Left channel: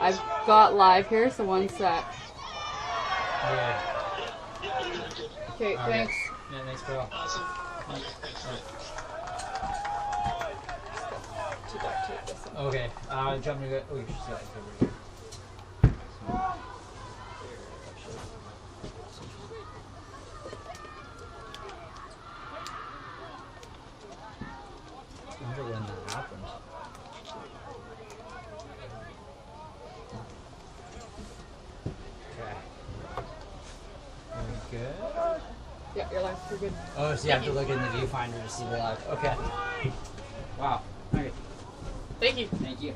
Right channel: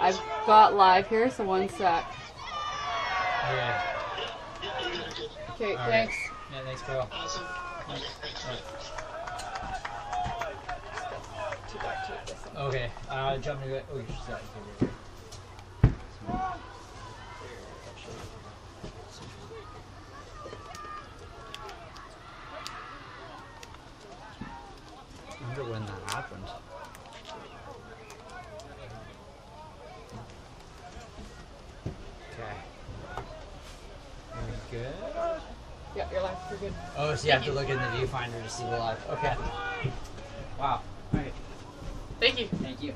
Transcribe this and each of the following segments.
I've got live here, so one sec. Okay. Okay, thanks. Yeah, thanks, girl. To duct tape this one. Okay. Jump me. Oh, you should say that. I wonder when that happens. Okay. Good. Yeah, your live's pretty good. Oh, so you have to look in the viewfinder to see the live. Okay. Wow. Okay. Thank you. Thank you.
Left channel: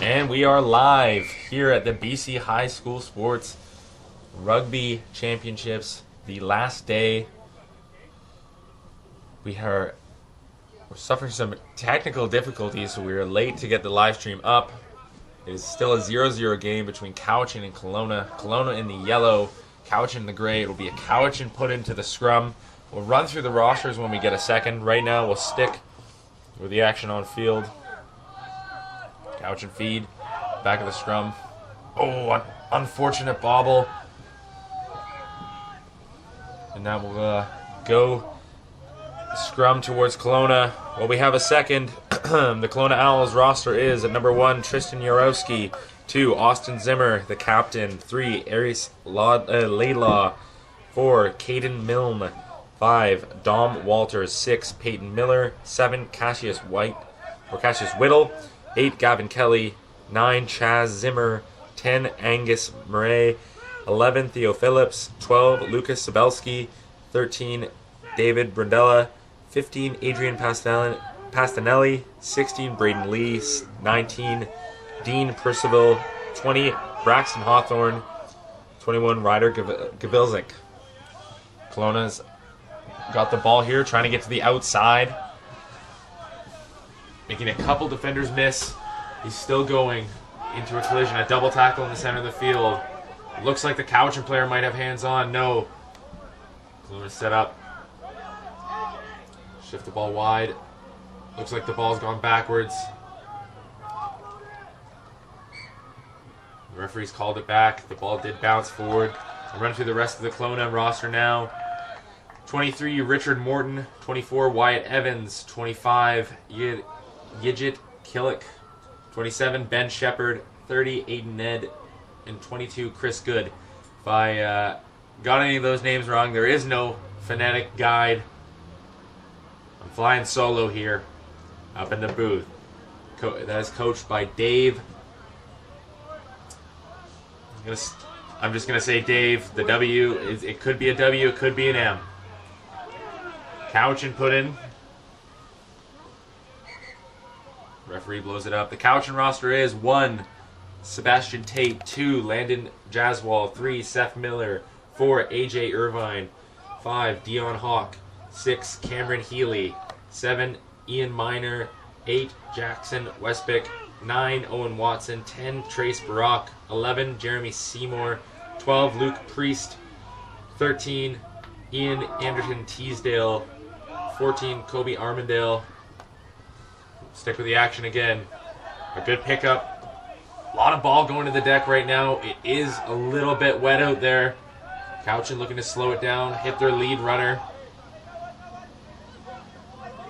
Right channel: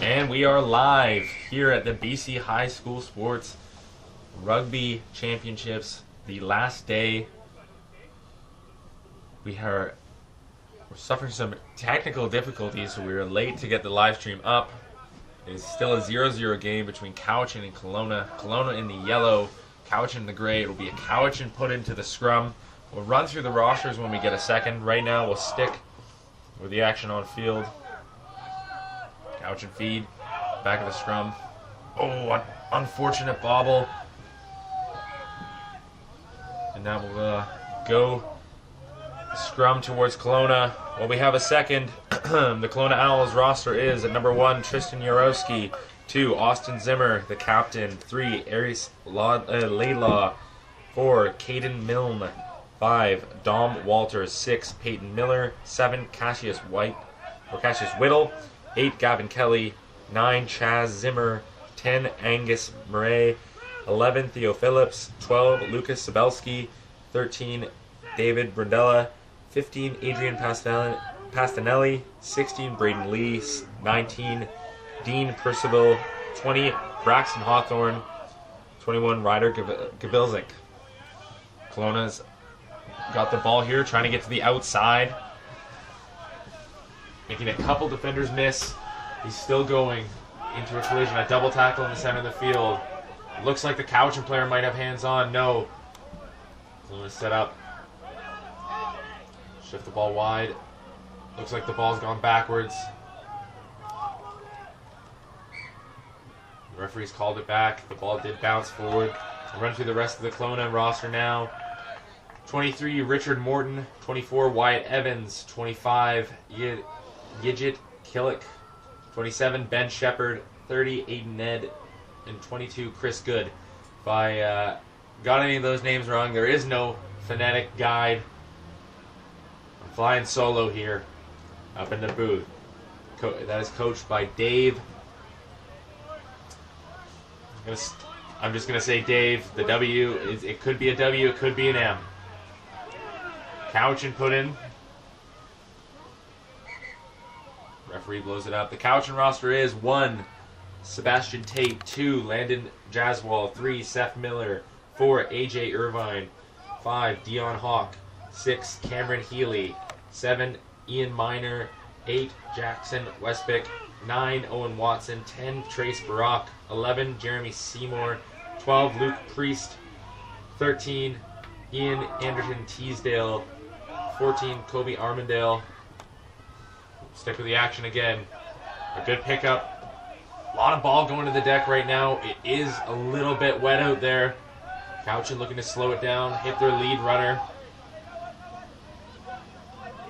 And we are live here at the BC High School Sports Rugby Championships. The last day. We're suffering some technical difficulties, so we are late to get the live stream up. It is still a 0-0 game between Cowichan and Kelowna. Kelowna in the yellow, Cowichan in the gray. It will be a Cowichan put into the scrum. We'll run through the rosters when we get a second. Right now, we'll stick with the action on field. Cowichan feed, back of the scrum. Oh, an unfortunate bobble. And that will go scrum towards Kelowna. Well, we have a second. The Kelowna Owls roster is at number 1, Tristan Yarowski. 2, Austin Zimmer, the captain. 3, Aries Laidlaw. 4, Caden Milne. 5, Dom Walters. 6, Peyton Miller. 7, Cassius Whittle. 8, Gavin Kelly. 9, Chaz Zimmer. 10, Angus Murray. 11, Theo Phillips. 12, Lucas Sabelski. 13, David Brindella. 15, Adrian Pastanelli. 16, Braden Lee. 19, Dean Percival. 20, Braxton Hawthorne. 21, Ryder Gabilzik. Kelowna's got the ball here, trying to get to the outside. Making a couple defenders miss. He's still going into a collision. A double tackle in the center of the field. Looks like the Cowichan player might have hands on. No. Kelowna set up. Shift the ball wide. Looks like the ball's gone backwards. The referee's called it back. The ball did bounce forward. I'll run through the rest of the Kelowna roster now. 23, Richard Morton. 24, Wyatt Evans. 25, Yijit Killick. 27, Ben Shepard. 30, Aiden Ned. And 22, Chris Good. If I got any of those names wrong, there is no phonetic guide. I'm flying solo here up in the booth. That is coached by Dave. I'm just going to say Dave. The W, it could be a W, it could be an M. Cowichan put in. Referee blows it up. The Cowichan roster is 1, Sebastian Tate. 2, Landon Jaswal. 3, Seth Miller. 4, AJ Irvine. 5, Dion Hawk. 6, Cameron Healy. 7, Ian Miner. 8, Jackson Westbick. 9, Owen Watson. 10, Trace Barak. 11, Jeremy Seymour. 12, Luke Priest. 13, Ian Anderson Teasdale. 14, Kobe Armandale. Stick with the action again. A good pickup. A lot of ball going to the deck right now. It is a little bit wet out there. Cowichan looking to slow it down, hit their lead runner.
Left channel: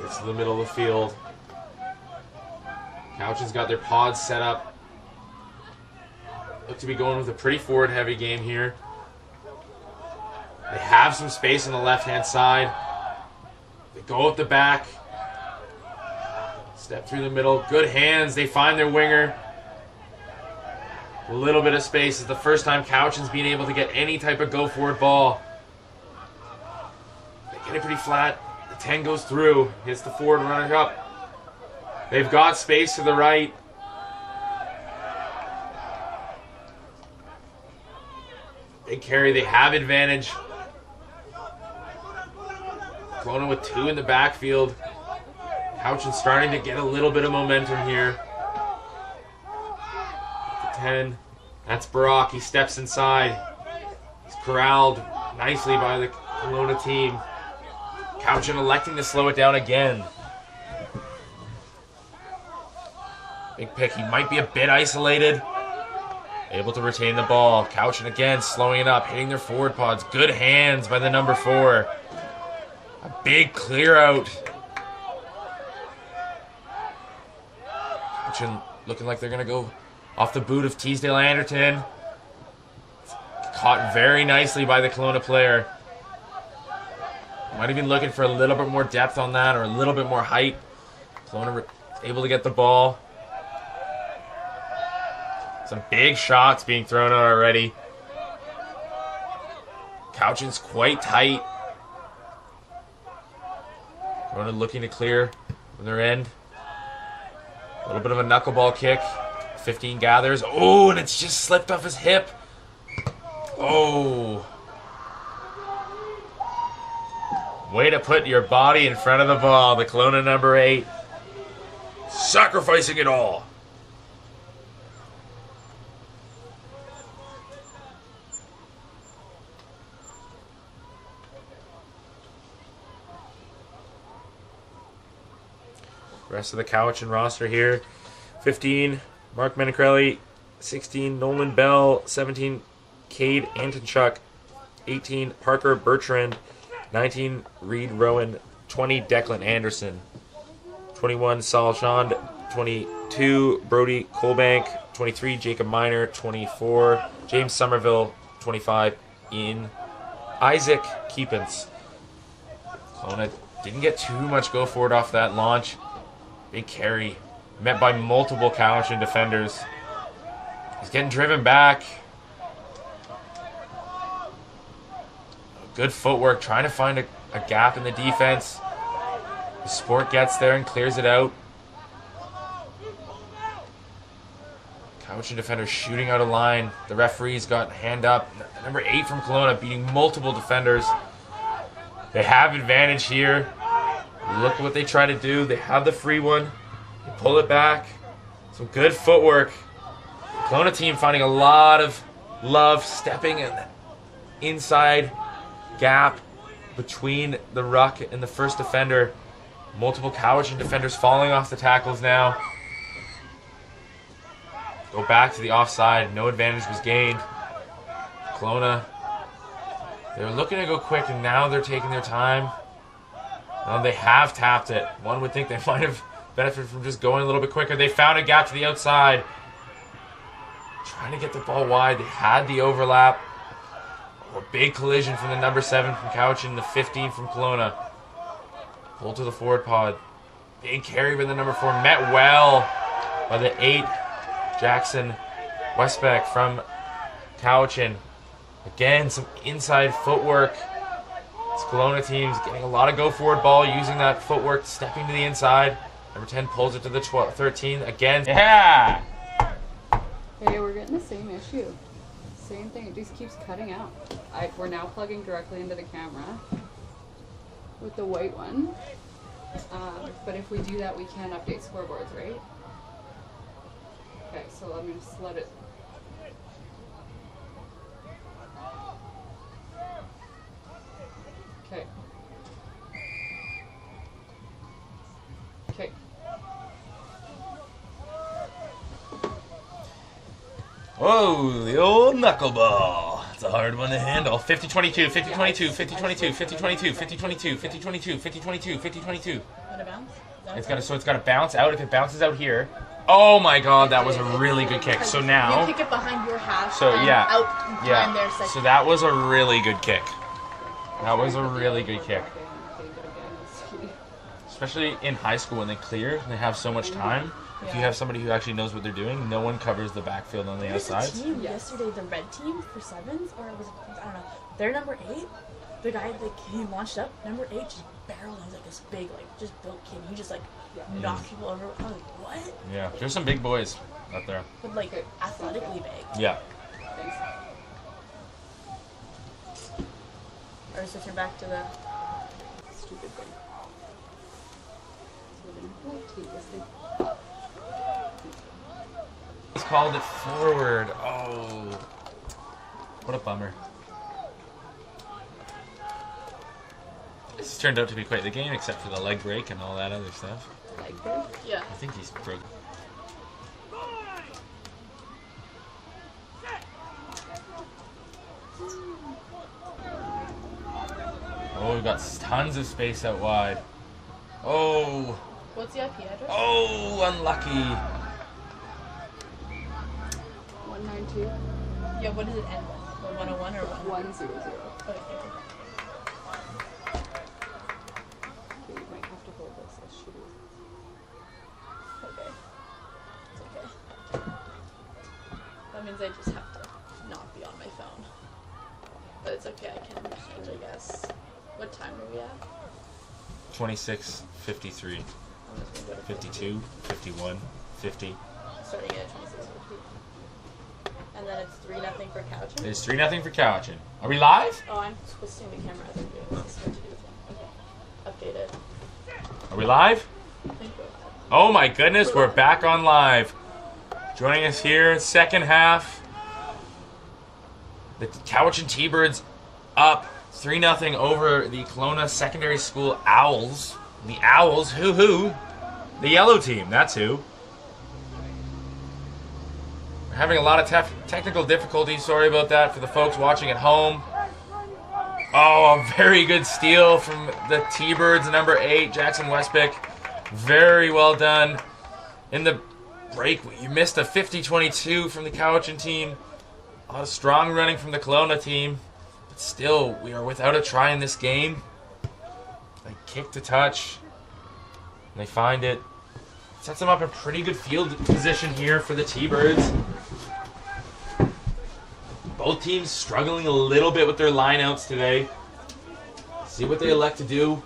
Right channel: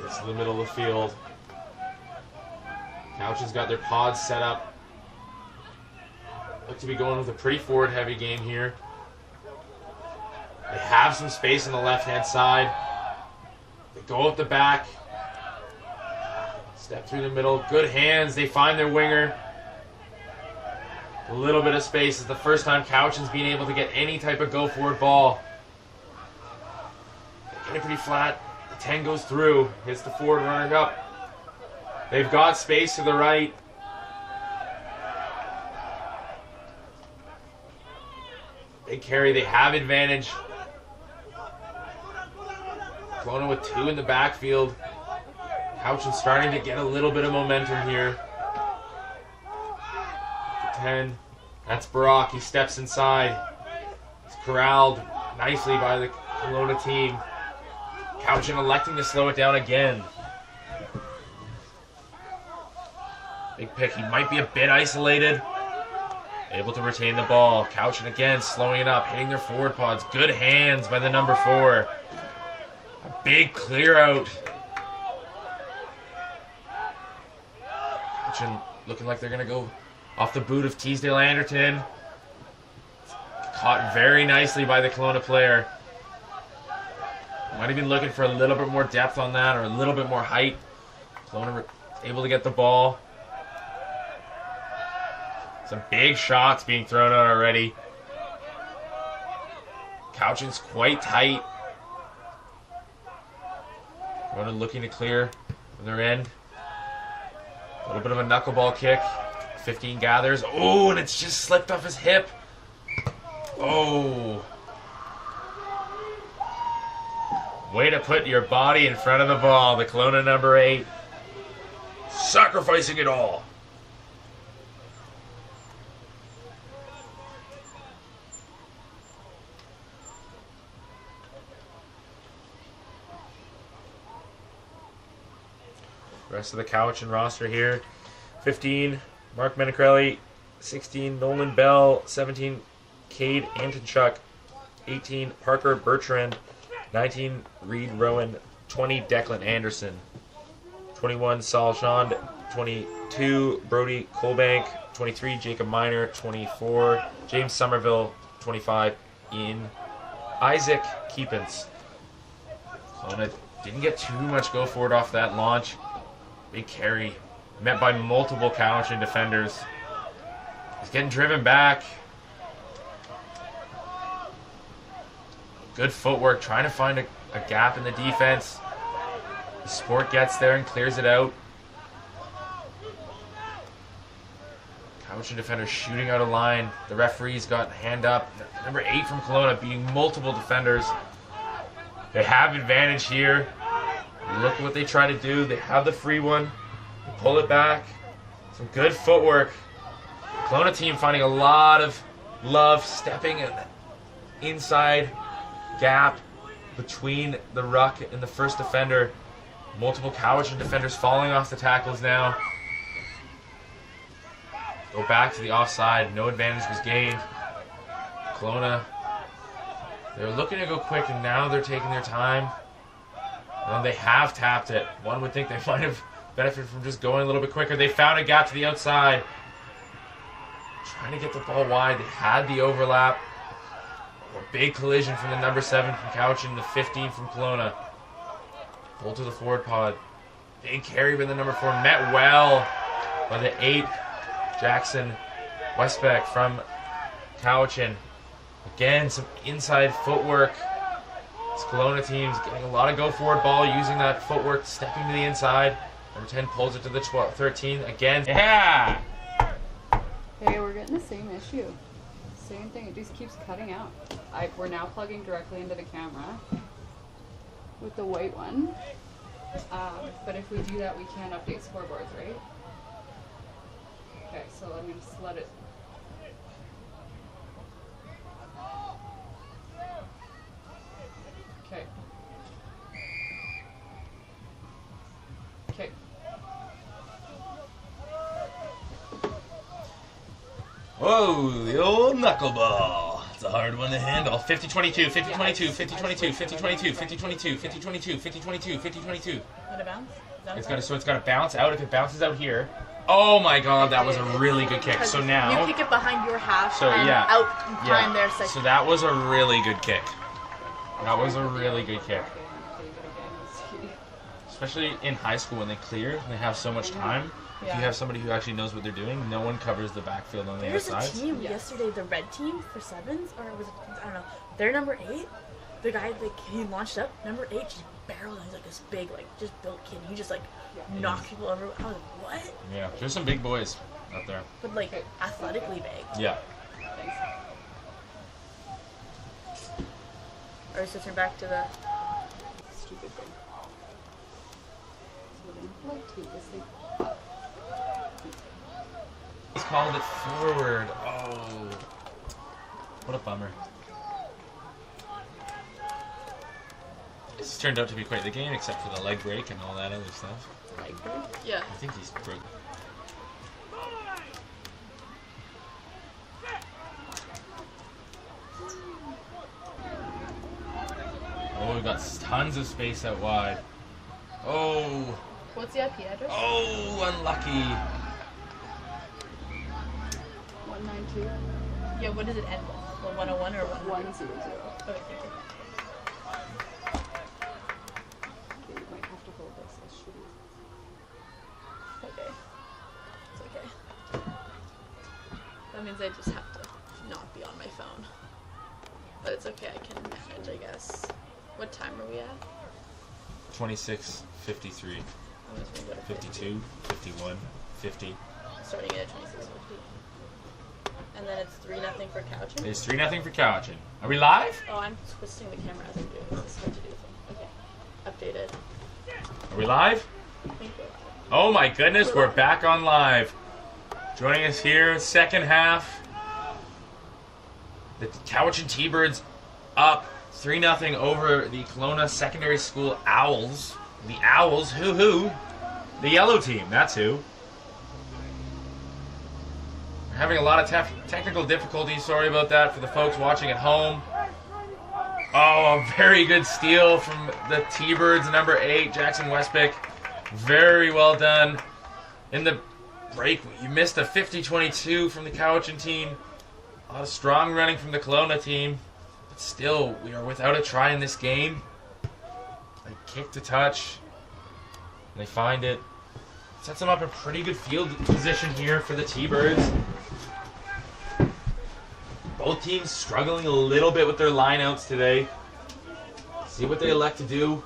It's in the middle of the field. Cowichan's got their pods set up. Look to be going with a pretty forward-heavy game here. They have some space on the left-hand side. They go up the back. Step through the middle. Good hands. They find their winger. A little bit of space. It's the first time Cowichan's been able to get any type of go-forward ball. They get it pretty flat. The 10 goes through. Hits the forward runner up. They've got space to the right. Big carry. They have advantage. Kelowna with 2 in the backfield. Cowichan starting to get a little bit of momentum here. 10. That's Barak. He steps inside. He's corralled nicely by the Kelowna team. Cowichan electing to slow it down again. Big pick. He might be a bit isolated. Able to retain the ball. Cowichan again, slowing it up, hitting their forward pods. Good hands by the number 4. A big clear out. Cowichan looking like they're going to go off the boot of Teasdale Anderton. Caught very nicely by the Kelowna player. Might have been looking for a little bit more depth on that or a little bit more height. Kelowna able to get the ball. Some big shots being thrown out already. Cowichan's quite tight. Kelowna looking to clear from their end. A little bit of a knuckleball kick. 15 gathers. Oh, and it's just slipped off his hip. Oh. Way to put your body in front of the ball. The Kelowna number 8. Sacrificing it all. Rest of the Cowichan roster here. 15, Mark Menacrelli. 16, Nolan Bell. 17, Cade Antonchuk. 18, Parker Bertrand. 19, Reed Rowan. 20, Declan Anderson. 21, Saul Shand. 22, Brody Colbank. 23, Jacob Miner. 24, James Somerville. 25, Isaac Keepens. Kelowna didn't get too much go forward off that launch. Big carry. Met by multiple Cowichan defenders. He's getting driven back. Good footwork, trying to find a gap in the defense. The Sport gets there and clears it out. Cowichan defender shooting out of line. The referee's got hand up. Number 8 from Kelowna beating multiple defenders. They have advantage here. Look what they try to do. They have the free one. They pull it back. Some good footwork. The Kelowna team finding a lot of love stepping in inside gap between the ruck and the first defender. Multiple Cowichan defenders falling off the tackles now. Go back to the offside. No advantage was gained. Kelowna, they were looking to go quick, and now they're taking their time. They have tapped it. One would think they might have benefited from just going a little bit quicker. They found a gap to the outside. Trying to get the ball wide. They had the overlap. A big collision from the number 7 from Cowichan, the 15 from Kelowna. Pull to the forward pod. Big carry by the number 4. Met well by the 8, Jackson Westbeck from Cowichan. Again, some inside footwork. This Kelowna team's getting a lot of go forward ball, using that footwork, stepping to the inside. Number 10 pulls it to the 13 again. Yeah! Hey, we're getting the same issue. Same thing, it just keeps cutting out. We're now plugging directly into the camera with the white one. But if we do that, we can't update scoreboards, right? Okay, so I'm going to let it. Okay. Okay. Whoa, the old knuckleball. It's a hard one to handle. 50-22, 50-22, 50-22, 50-22, 50-22, 50-22, 50-22, 50-22. Let it bounce? It's got to bounce out. If it bounces out here. Oh my god, that was a really good kick. So now. You kick it behind your half. So yeah. Out Yeah. there. So that was a really good kick. That was a really good kick. Especially in high school when they clear and they have so much time. If you have somebody who actually knows what they're doing, no one covers the backfield on the outside. There was a team yesterday, the red team for sevens, or was it, I don't know. They're number 8. The guy that he launched up, number 8, just barreling. He's like this big, like just built kid. He just like knocked people over. I was like, what? Yeah, there's some big boys out there. But like athletically big. Yeah. Or switching back to the Stupid thing. So we're gonna like take this thing up. He's called it forward. Oh. What a bummer. This turned out to be quite the game, except for the leg break and all that other stuff. Leg break? Yeah. I think he's broke. we've got tons of space out wide. Oh, What's the IP address? oh, unlucky. 192 Yeah, what does it end with? The 101 or 100. Okay. Okay, you might have to hold this. This should be. Okay. It's okay. That means I just have to not be on my phone. But it's okay, I can change, I guess. What time are we at? 26, 53, I'm just gonna go to 52, 51, 50. Starting at 26. And then it's 3-0 for Cowichan. It's 3-0 for Cowichan. Are we live? Oh, I'm twisting the camera as I'm doing this. What to do with it? Okay. Updated. Are we live? I think we're live. Oh my goodness, we're back on live. Joining us here, second half. The Cowichan T-Birds up 3-0 over the Kelowna Secondary School Owls. The Owls, who? The yellow team, that's who. We're having a lot of technical difficulties, sorry about that for the folks watching at home. Oh, a very good steal from the T-Birds, number 8, Jackson Westbeck. Very well done. In the break, you missed a 50-22 from the Cowichan team. A lot of strong running from the Kelowna team. But still, we are without a try in this game. They kick to touch. And they find it. Sets them up a pretty good field position here for the T-Birds. Both teams struggling a little bit with their lineouts today. See what they elect to do.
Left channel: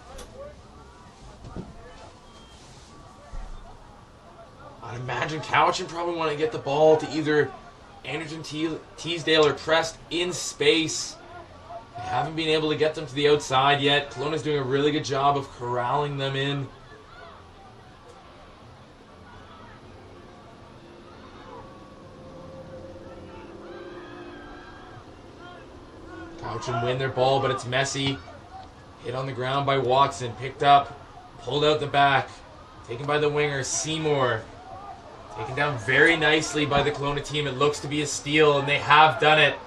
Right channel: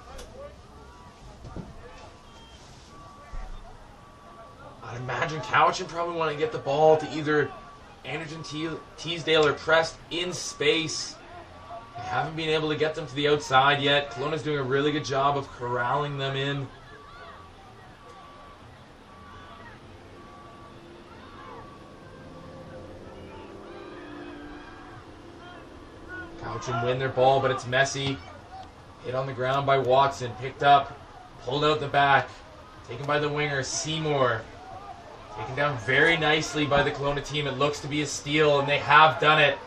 I'd imagine Cowichan probably want to get the ball to either Anderson Teasdale or Prest in space. They haven't been able to get them to the outside yet. Kelowna's doing a really good job of corralling them in. Cowichan win their ball, but it's messy. Hit on the ground by Watson. Picked up. Pulled out the back. Taken by the winger, Seymour. Taken down very nicely by the Kelowna team. It looks to be a steal, and they have done it.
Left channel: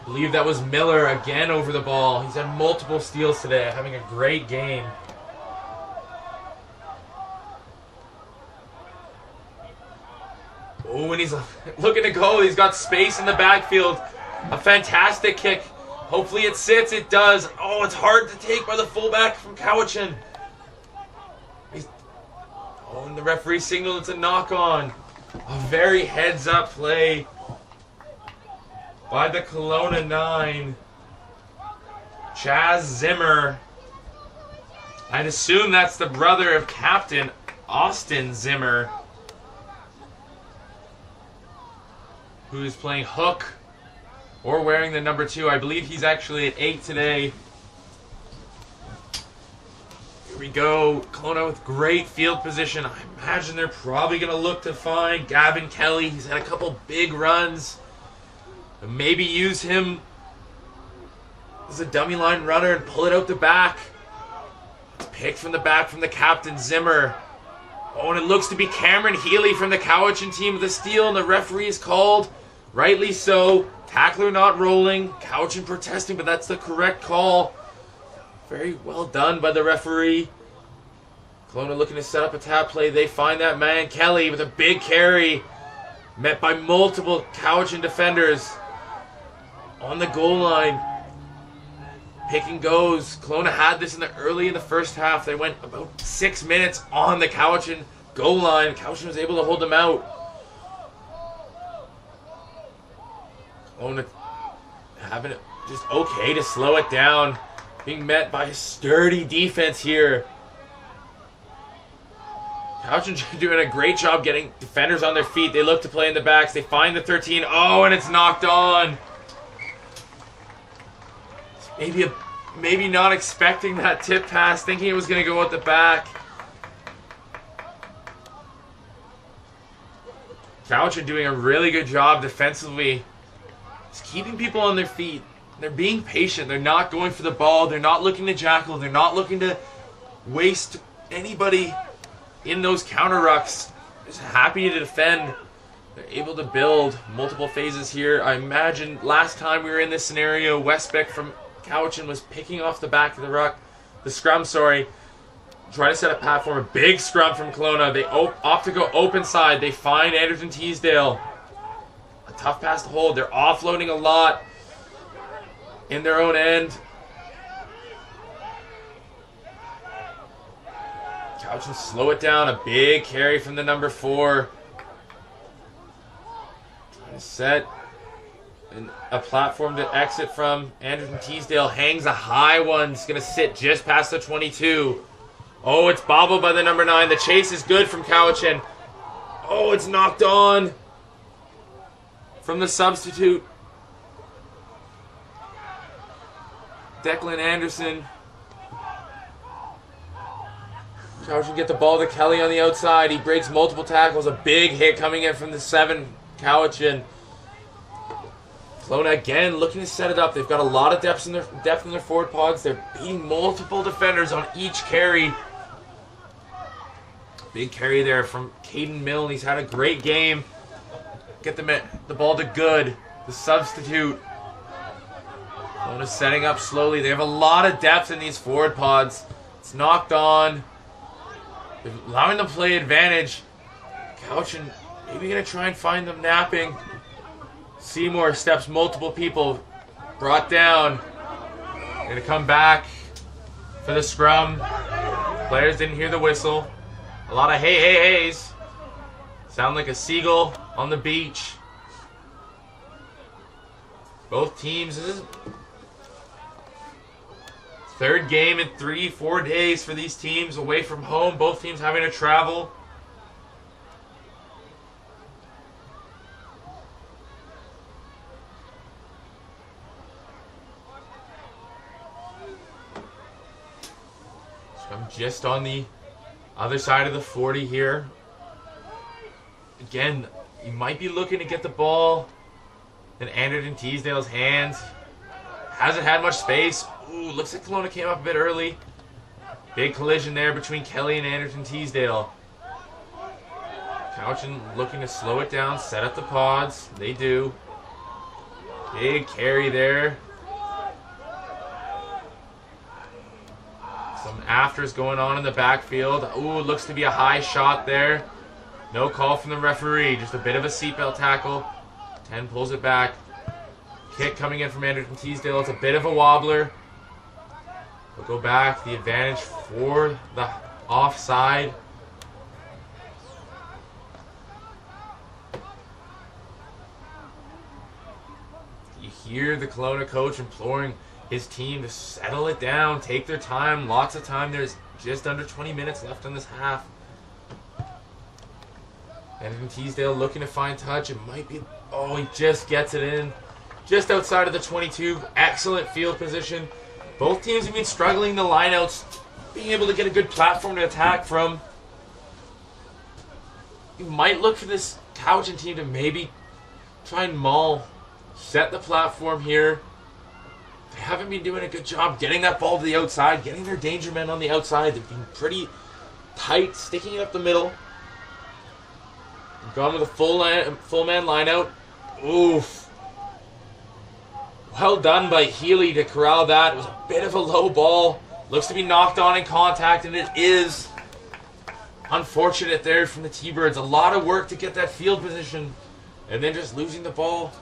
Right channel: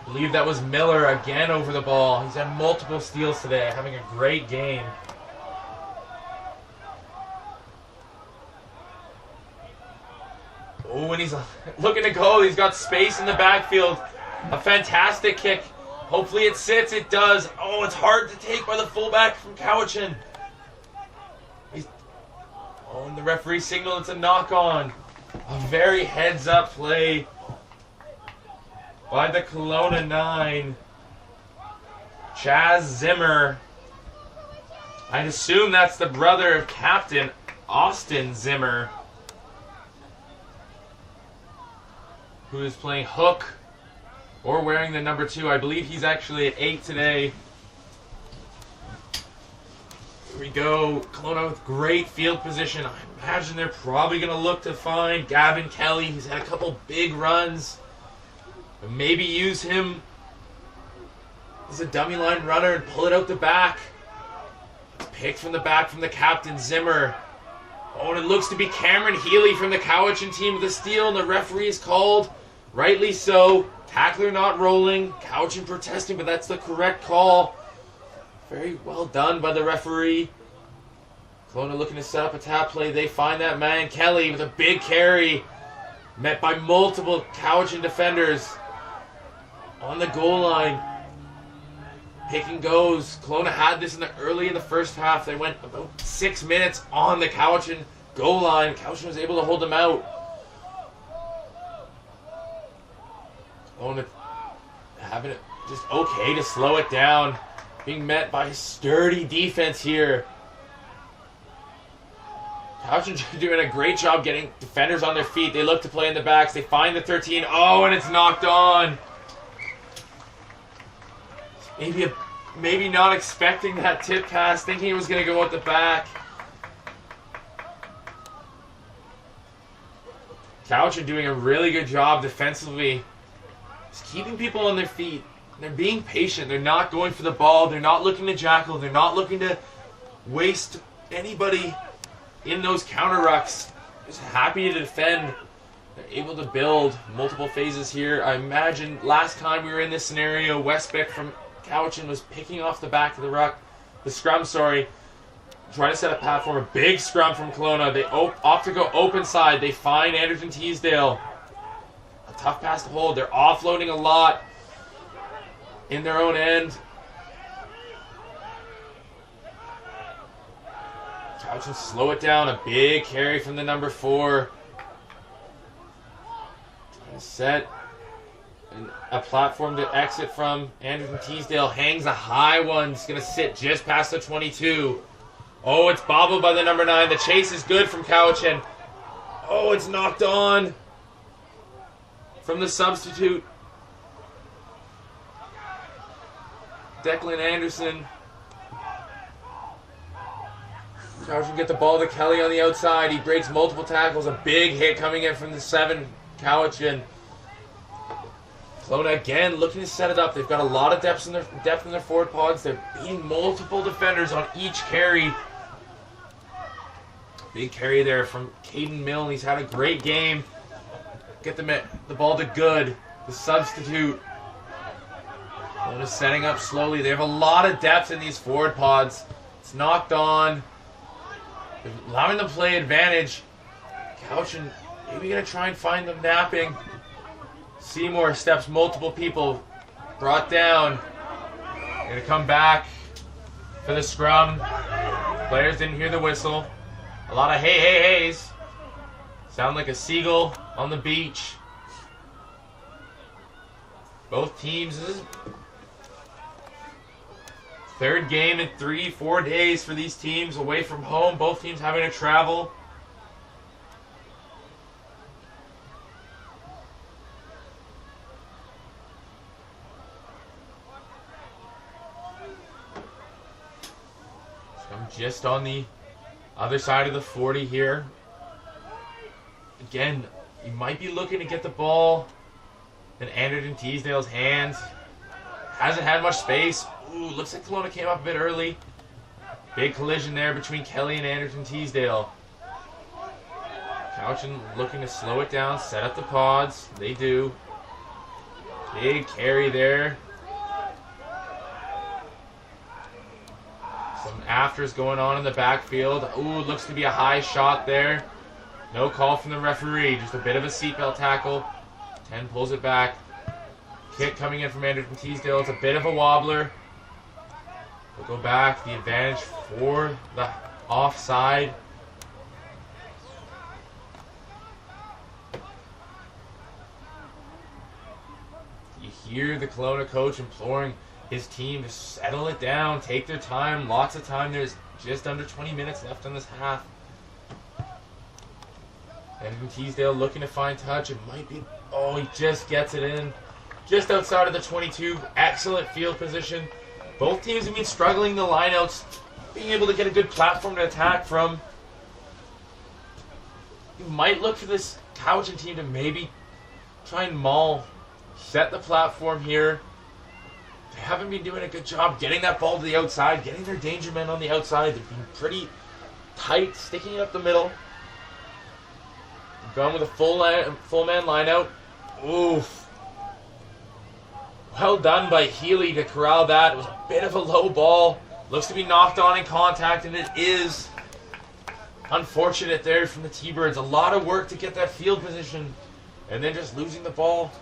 I believe that was Miller again over the ball. He's had multiple steals today, having a great game. Oh, and he's looking to go. He's got space in the backfield. A fantastic kick. Hopefully it sits. It does. Oh, it's hard to take by the fullback from Cowichan. Oh, and the referee signaled it's a knock-on. A very heads-up play by the Kelowna 9. Chaz Zimmer. I'd assume that's the brother of Captain Austin Zimmer, who is playing hook or wearing the number 2. I believe he's actually at 8 today. Here we go. Kelowna with great field position. I imagine they're probably going to look to find Gavin Kelly. He's had a couple big runs. And maybe use him as a dummy line runner and pull it out the back. Picked from the back from the captain, Zimmer. Oh, and it looks to be Cameron Healy from the Cowichan team with a steal, and the referee is called. Rightly so. Tackler not rolling. Cowichan protesting, but that's the correct call. Very well done by the referee. Kelowna looking to set up a tap play. They find that man, Kelly, with a big carry. Met by multiple Cowichan defenders. On the goal line. Pick and goes. Kelowna had this early in the first half. They went about 6 minutes on the Cowichan goal line. Cowichan was able to hold them out. Kelowna having it just okay to slow it down. Being met by a sturdy defense here. Cowichan doing a great job getting defenders on their feet. They look to play in the backs. They find the 13. Oh, and it's knocked on. Maybe not expecting that tip pass, thinking it was going to go at the back. Cowichan doing a really good job defensively. Just keeping people on their feet. They're being patient. They're not going for the ball. They're not looking to jackal. They're not looking to waste anybody in those counter rucks. Just happy to defend. They're able to build multiple phases here. I imagine last time we were in this scenario, Westbeck from Cowichan was picking off the back of the scrum, sorry. Trying to set a platform, a big scrum from Kelowna. They opt to go open side. They find Anderson Teasdale. A tough pass to hold. They're offloading a lot in their own end. Cowichan slow it down. A big carry from the number 4. Trying to set a platform to exit from. Anderson Teasdale hangs a high one. It's going to sit just past the 22. Oh, it's bobbled by the number 9. The chase is good from Cowichan. Oh, it's knocked on from the substitute. Declan Anderson. Cowichan get the ball to Kelly on the outside. He breaks multiple tackles. A big hit coming in from the 7. Cowichan. Kelowna again looking to set it up. They've got a lot of depth in their forward pods. They're beating multiple defenders on each carry. Big carry there from Caden Milne. He's had a great game. Get the ball to Good, the substitute. Kelowna setting up slowly. They have a lot of depth in these forward pods. It's knocked on. They're allowing them to play advantage. Cowichan maybe going to try and find them napping. Seymour steps multiple people. Brought down. Going to come back for the scrum. Players didn't hear the whistle. A lot of hey, hey, heys. Sound like a seagull on the beach. Both teams. This is third game in 3-4 days for these teams away from home. Both teams having to travel. So I'm just on the other side of the 40 here. Again, you might be looking to get the ball in Anderson Teasdale's hands. Hasn't had much space. Ooh, looks like Kelowna came up a bit early. Big collision there between Kelly and Anderson Teasdale. Cowichan looking to slow it down, set up the pods. They do. Big carry there. Some afters going on in the backfield. Ooh, looks to be a high shot there. No call from the referee. Just a bit of a seatbelt tackle. 10 pulls it back. Kick coming in from Anderson Teasdale. It's a bit of a wobbler. We'll go back. The advantage for the offside. You hear the Kelowna coach imploring his team to settle it down, take their time, lots of time. There's just under 20 minutes left on this half. And Teasdale looking to find touch. It might be, oh, he just gets it in. Just outside of the 22. Excellent field position. Both teams have been struggling the lineouts, being able to get a good platform to attack from. You might look for this Cowichan team to maybe try and maul, set the platform here. They haven't been doing a good job getting that ball to the outside, getting their danger men on the outside. They've been pretty tight, sticking it up the middle. Gone with a full man line out. Oof. Well done by Healy to corral that. It was a bit of a low ball. Looks to be knocked on in contact, and it is. Unfortunate there from the T-Birds. A lot of work to get that field position, and then just losing the ball.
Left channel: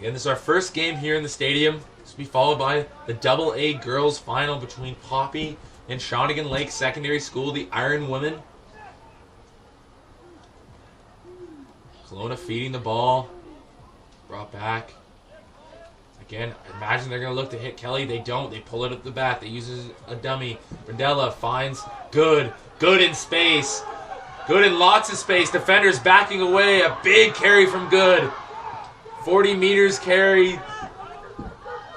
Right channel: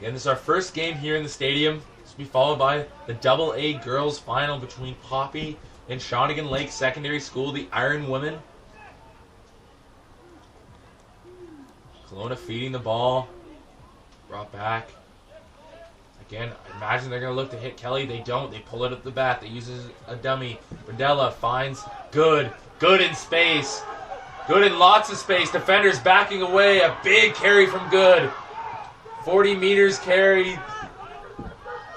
Again, this is our first game here in the stadium. This will be followed by the AA girls final between Poppy and Shawnigan Lake Secondary School, the Iron Women. Kelowna feeding the ball. Brought back. Again, I imagine they're going to look to hit Kelly. They don't. They pull it up the bat. They use a dummy. Brindella finds Good. Good in space. Good in lots of space. Defenders backing away. A big carry from Good. 40 meters carry.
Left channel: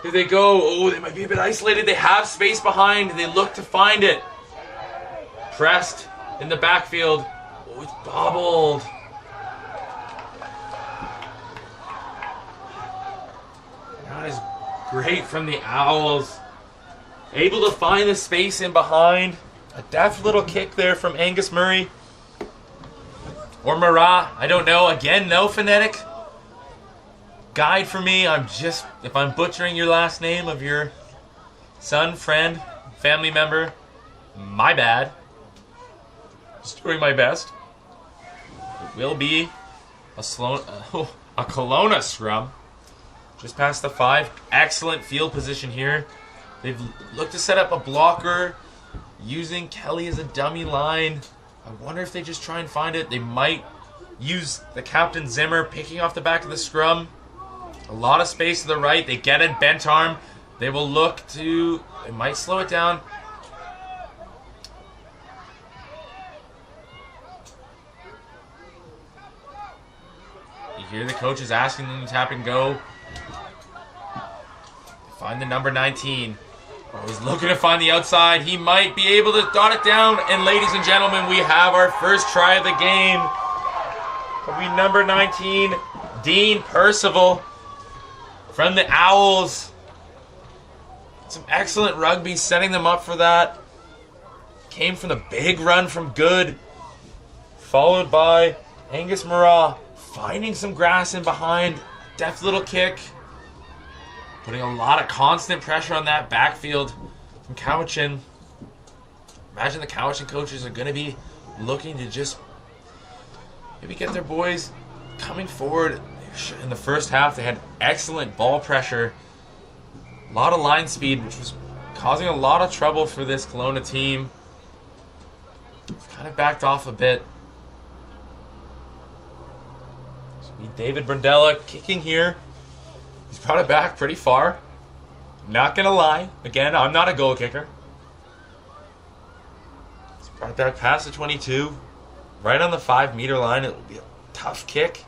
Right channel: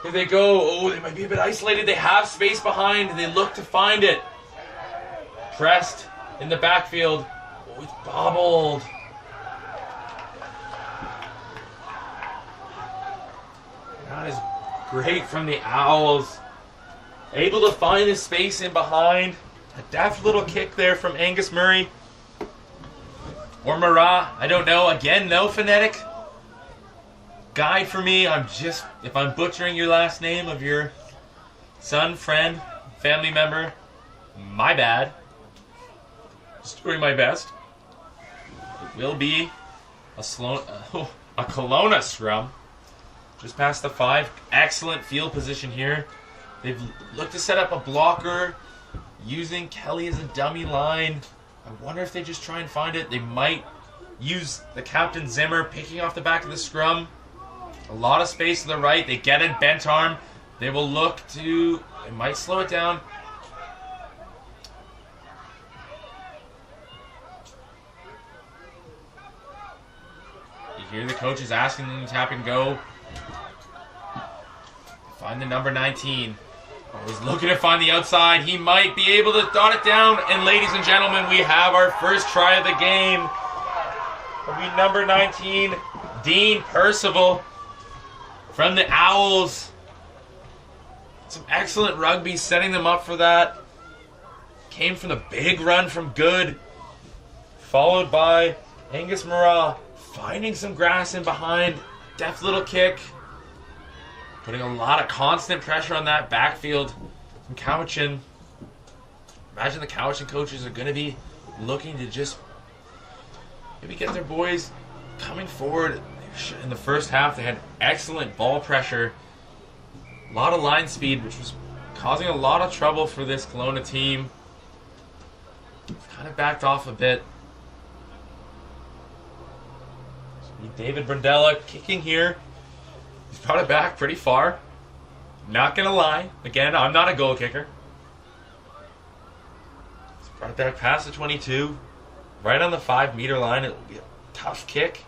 Here they go. Oh, they might be a bit isolated. They have space behind. They look to find it. Pressed in the backfield. Oh, it's bobbled. That is great from the Owls. Able to find the space in behind. A deft little kick there from Angus Murray. or Marat. I don't know. Again, no phonetic guide for me. If I'm butchering your last name of your son, friend, family member, my bad. Just doing my best. It will be a Kelowna scrum. Just past the 5. Excellent field position here. They've looked to set up a blocker using Kelly as a dummy line. I wonder if they just try and find it. They might use the captain Zimmer picking off the back of the scrum. A lot of space to the right. They get it, bent arm. They will look to... They might slow it down. You hear the coaches asking them to tap and go. Find the number 19. Oh, he's looking to find the outside. He might be able to dot it down. And ladies and gentlemen, we have our first try of the game. It'll be number 19, Dean Percival from the Owls. Some excellent rugby setting them up for that. Came from the big run from Good. Followed by Angus Marat finding some grass in behind. Deft little kick. Putting a lot of constant pressure on that backfield from Cowichan. Imagine the Cowichan coaches are going to be looking to just maybe get their boys coming forward. In the first half, they had excellent ball pressure. A lot of line speed, which was causing a lot of trouble for this Kelowna team. Kind of backed off a bit. David Brandella kicking here. He's brought it back pretty far. Not going to lie. Again, I'm not a goal kicker. He's brought it back past the 22. Right on the 5-meter line. It will be a tough kick.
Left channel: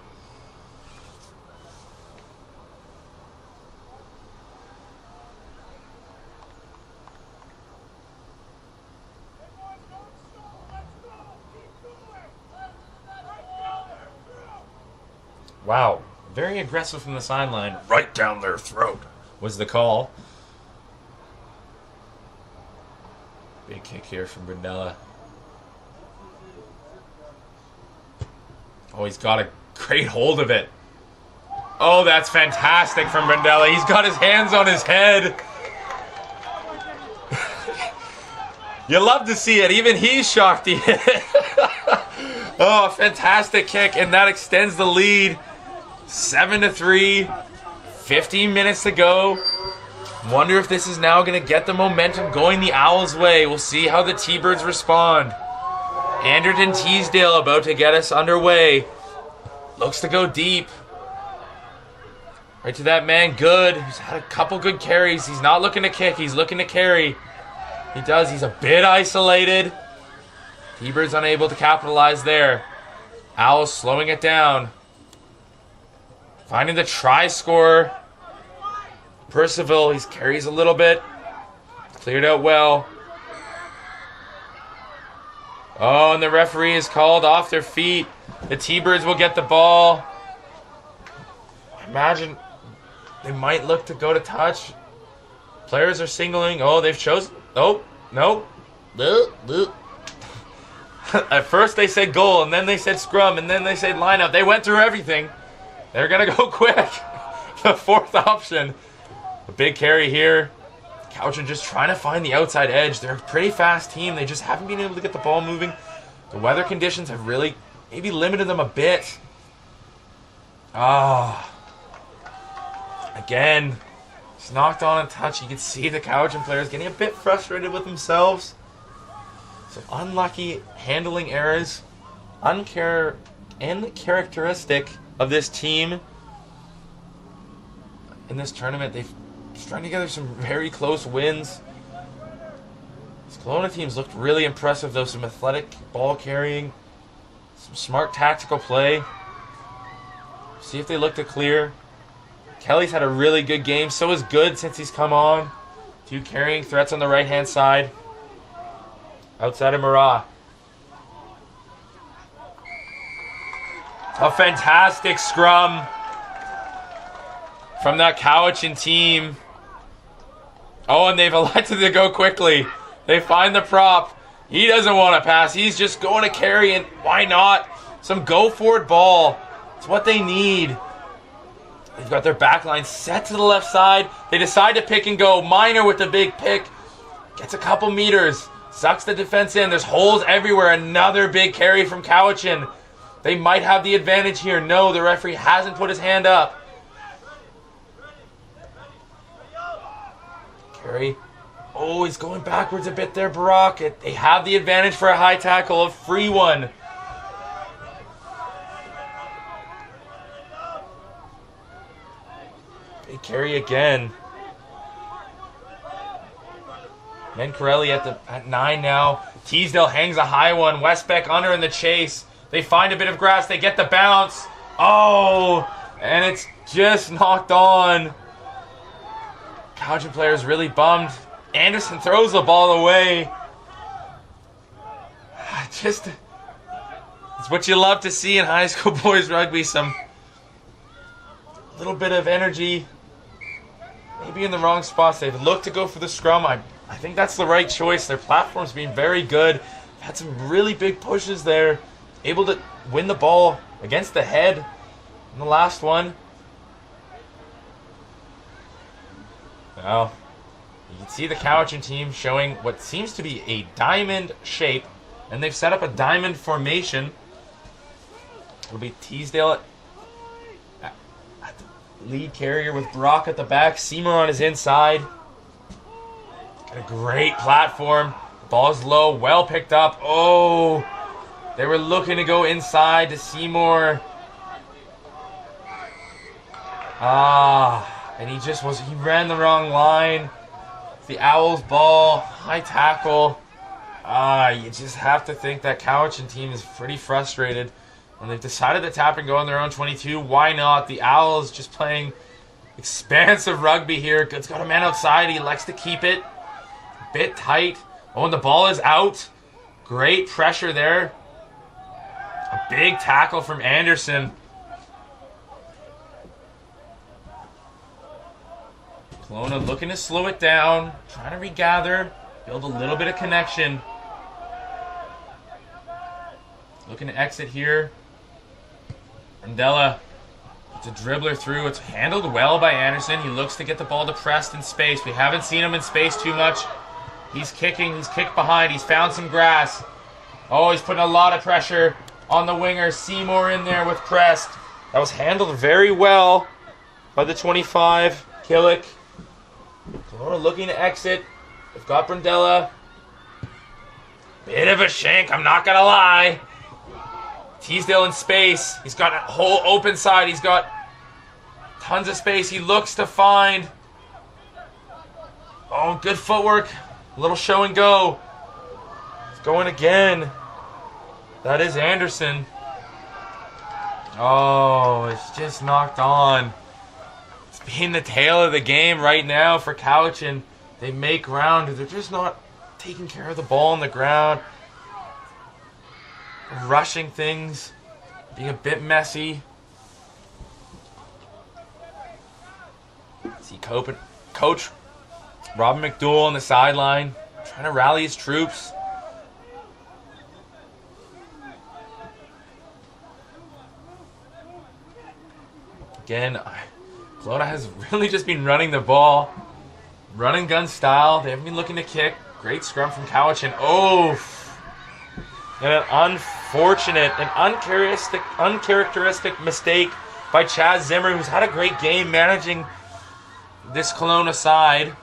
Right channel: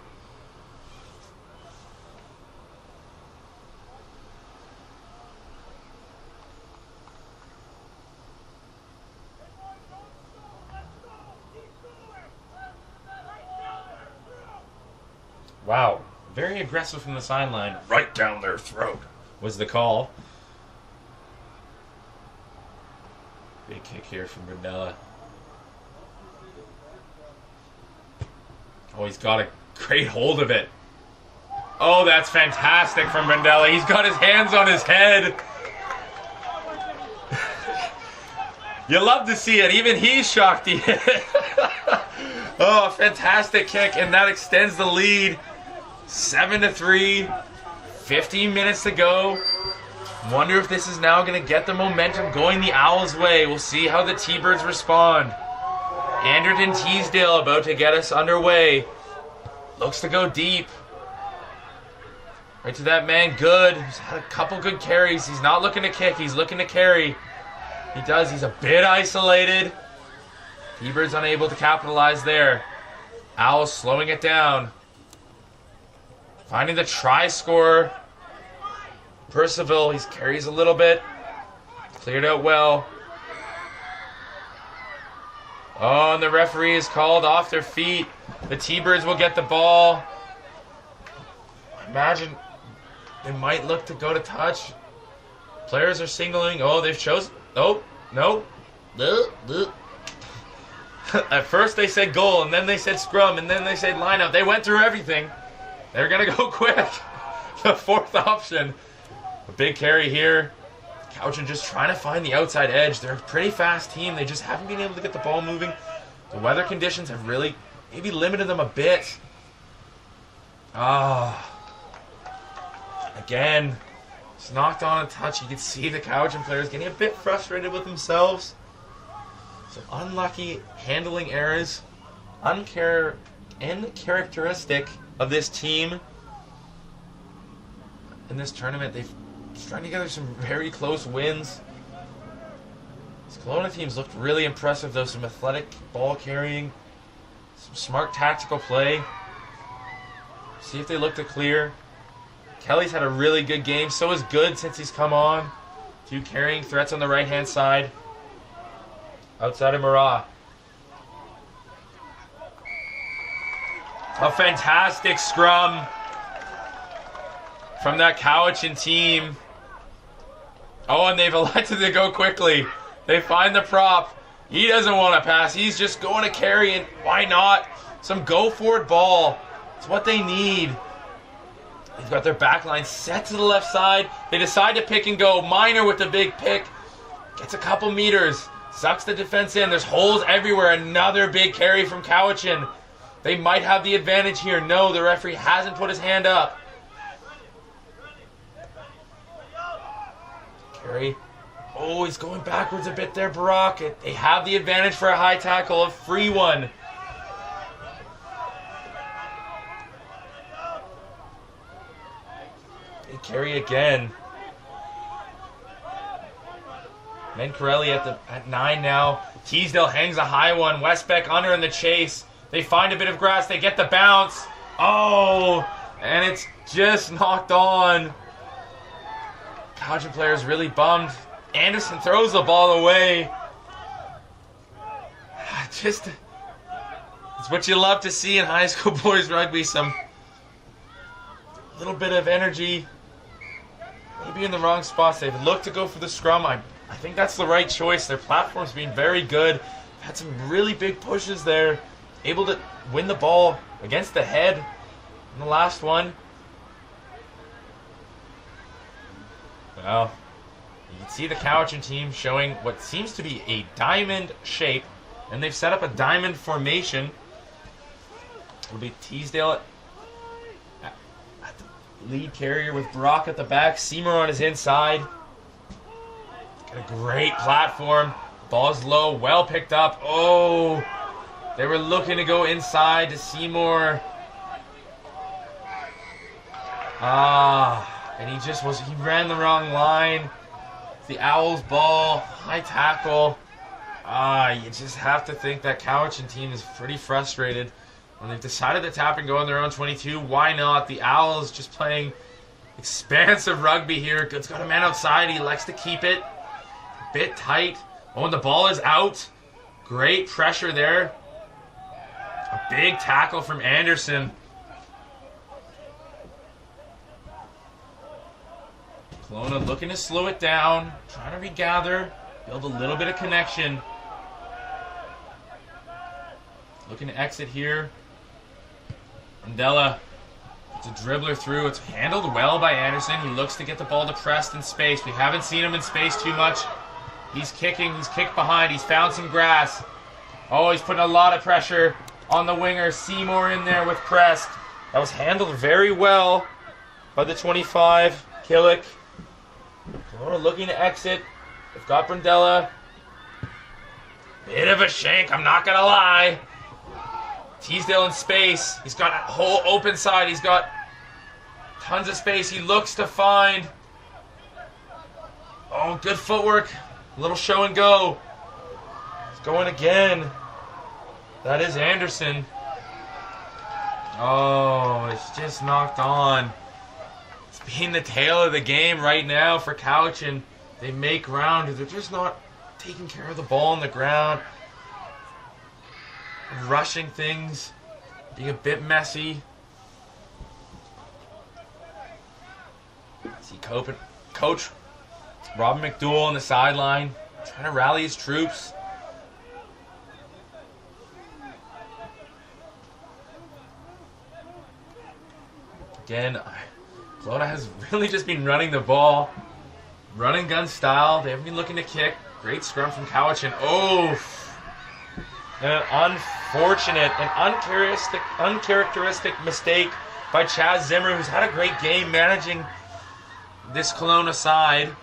Wow. Very aggressive from the sideline. Right down their throat was the call. Big kick here from Brunella. Oh, he's got a great hold of it. Oh, that's fantastic from Brunella. He's got his hands on his head. You love to see it. Even he's shocked he hit it. Oh, fantastic kick, and that extends the lead. 7-3, 15 minutes to go. Wonder if this is now going to get the momentum going the Owls' way. We'll see how the T-Birds respond. Anderton Teasdale about to get us underway. Looks to go deep. Right to that man, Good. He's had a couple good carries. He's not looking to kick. He's looking to carry. He does. He's a bit isolated. T-Birds unable to capitalize there. Owls slowing it down. Finding the try scorer. Percival, he carries a little bit. Cleared out well. Oh, and the referee is called off their feet. The T-Birds will get the ball. Imagine they might look to go to touch. Players are signaling. Oh, they've chosen. Oh, no. At first they said goal, and then they said scrum, and then they said lineup. They went through everything. They're going to go quick. The fourth option. A big carry here. Cowichan just trying to find the outside edge. They're a pretty fast team. They just haven't been able to get the ball moving. The weather conditions have really maybe limited them a bit. Again, it's knocked on a touch. You can see the Cowichan players getting a bit frustrated with themselves. Some unlucky handling errors. Uncharacteristic of this team in this tournament. They've strung together some very close wins. This Kelowna team's looked really impressive, though. Some athletic ball carrying, some smart tactical play. See if they look to clear. Kelly's had a really good game. So is Good since he's come on. 2 carrying threats on the right-hand side. Outside of Marat. A fantastic scrum from that Cowichan team. Oh, and they've elected to go quickly. They find the prop. He doesn't want to pass. He's just going to carry, and why not? Some go-forward ball. It's what they need. They've got their back line set to the left side. They decide to pick and go. Minor with the big pick. Gets a couple meters. Sucks the defense in. There's holes everywhere. Another big carry from Cowichan. They might have the advantage here. No, the referee hasn't put his hand up. Carry. Oh, he's going backwards a bit there, Barack. They have the advantage for a high tackle. A free one. Big carry again. Mencarelli at 9 now. Teasdale hangs a high one. Westbeck under in the chase. They find a bit of grass. They get the bounce. Oh, and it's just knocked on. Cowichan player is really bummed. Anderson throws the ball away. It's what you love to see in high school boys rugby. Some little bit of energy. Maybe in the wrong spots. They've looked to go for the scrum. I think that's the right choice. Their platform's been very good. Had some really big pushes there. Able to win the ball against the head in the last one. Well, you can see the Cowichan team showing what seems to be a diamond shape. And they've set up a diamond formation. It'll be Teasdale at the lead carrier with Brock at the back. Seymour on his inside. Got a great platform. Ball's low, well picked up. Oh, they were looking to go inside to Seymour. And he ran the wrong line. The Owls ball, high tackle. You just have to think that Cowichan team is pretty frustrated. When they've decided to tap and go on their own 22, why not? The Owls just playing expansive rugby here. Good's got a man outside. He likes to keep it a bit tight. Oh, and the ball is out. Great pressure there. A big tackle from Anderson. Kelowna looking to slow it down. Trying to regather. Build a little bit of connection. Looking to exit here. Rondella. It's a dribbler through. It's handled well by Anderson. He looks to get the ball to Prest in space. We haven't seen him in space too much. He's kicking. He's kicked behind. He's found some grass. Oh, he's putting a lot of pressure on the winger. Seymour in there with Prest. That was handled very well by the 25. Killick. Kelowna looking to exit. They've got Brundella. Bit of a shank, I'm not going to lie. Teasdale in space. He's got a whole open side. He's got tons of space. He looks to find. Oh, good footwork. A little show and go. It's going again. That is Anderson. Oh, it's just knocked on. It's been the tale of the game right now for Cowichan. They make ground. They're just not taking care of the ball on the ground. Rushing things. Being a bit messy. See Coach Robin McDowell on the sideline. Trying to rally his troops. Again, Kelowna has really just been running the ball. Running gun style. They haven't been looking to kick. Great scrum from Cowichan. Oh! And an unfortunate and uncharacteristic mistake by Chaz Zimmer, who's had a great game managing this Kelowna side.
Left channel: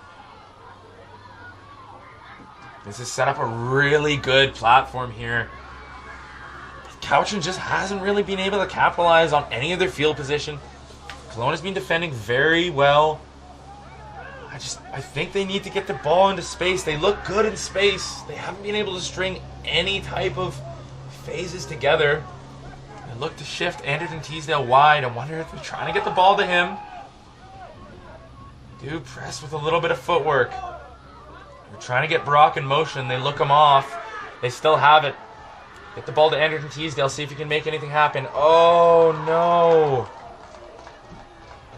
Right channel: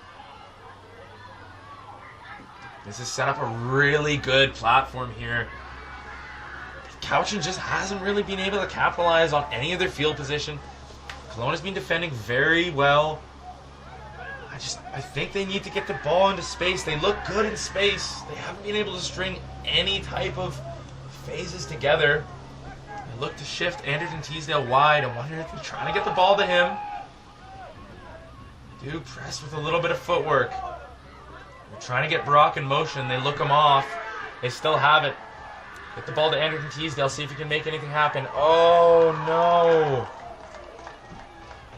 This has set up a really good platform here. Cowichan just hasn't really been able to capitalize on any of their field position. Kelowna's been defending very well. I think they need to get the ball into space. They look good in space. They haven't been able to string any type of phases together. They look to shift Anderson Teasdale wide. I wonder if they're trying to get the ball to him. Do press with a little bit of footwork. They're trying to get Brock in motion. They look him off. They still have it. Get the ball to Anderson Teasdale. See if he can make anything happen. Oh, no.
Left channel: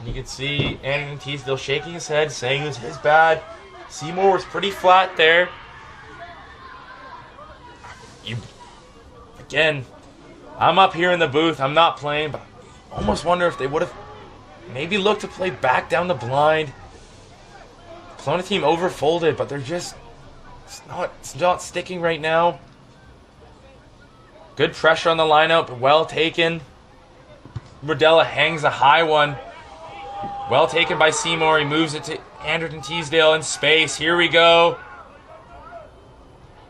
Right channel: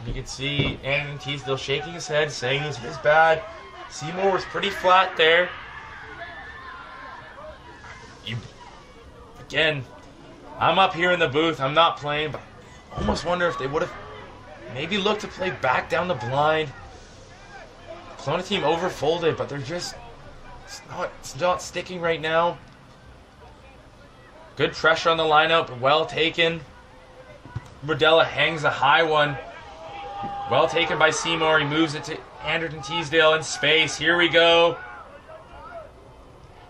You can see Anderson Teasdale shaking his head, saying it was his bad. Seymour was pretty flat there. I'm up here in the booth. I'm not playing, but I almost wonder if they would have maybe looked to play back down the blind. Kelowna team overfolded, but they're just it's not sticking right now. Good pressure on the lineup. Well taken. Rodella hangs a high one. Well taken by Seymour. He moves it to Anderton Teasdale in space. Here we go.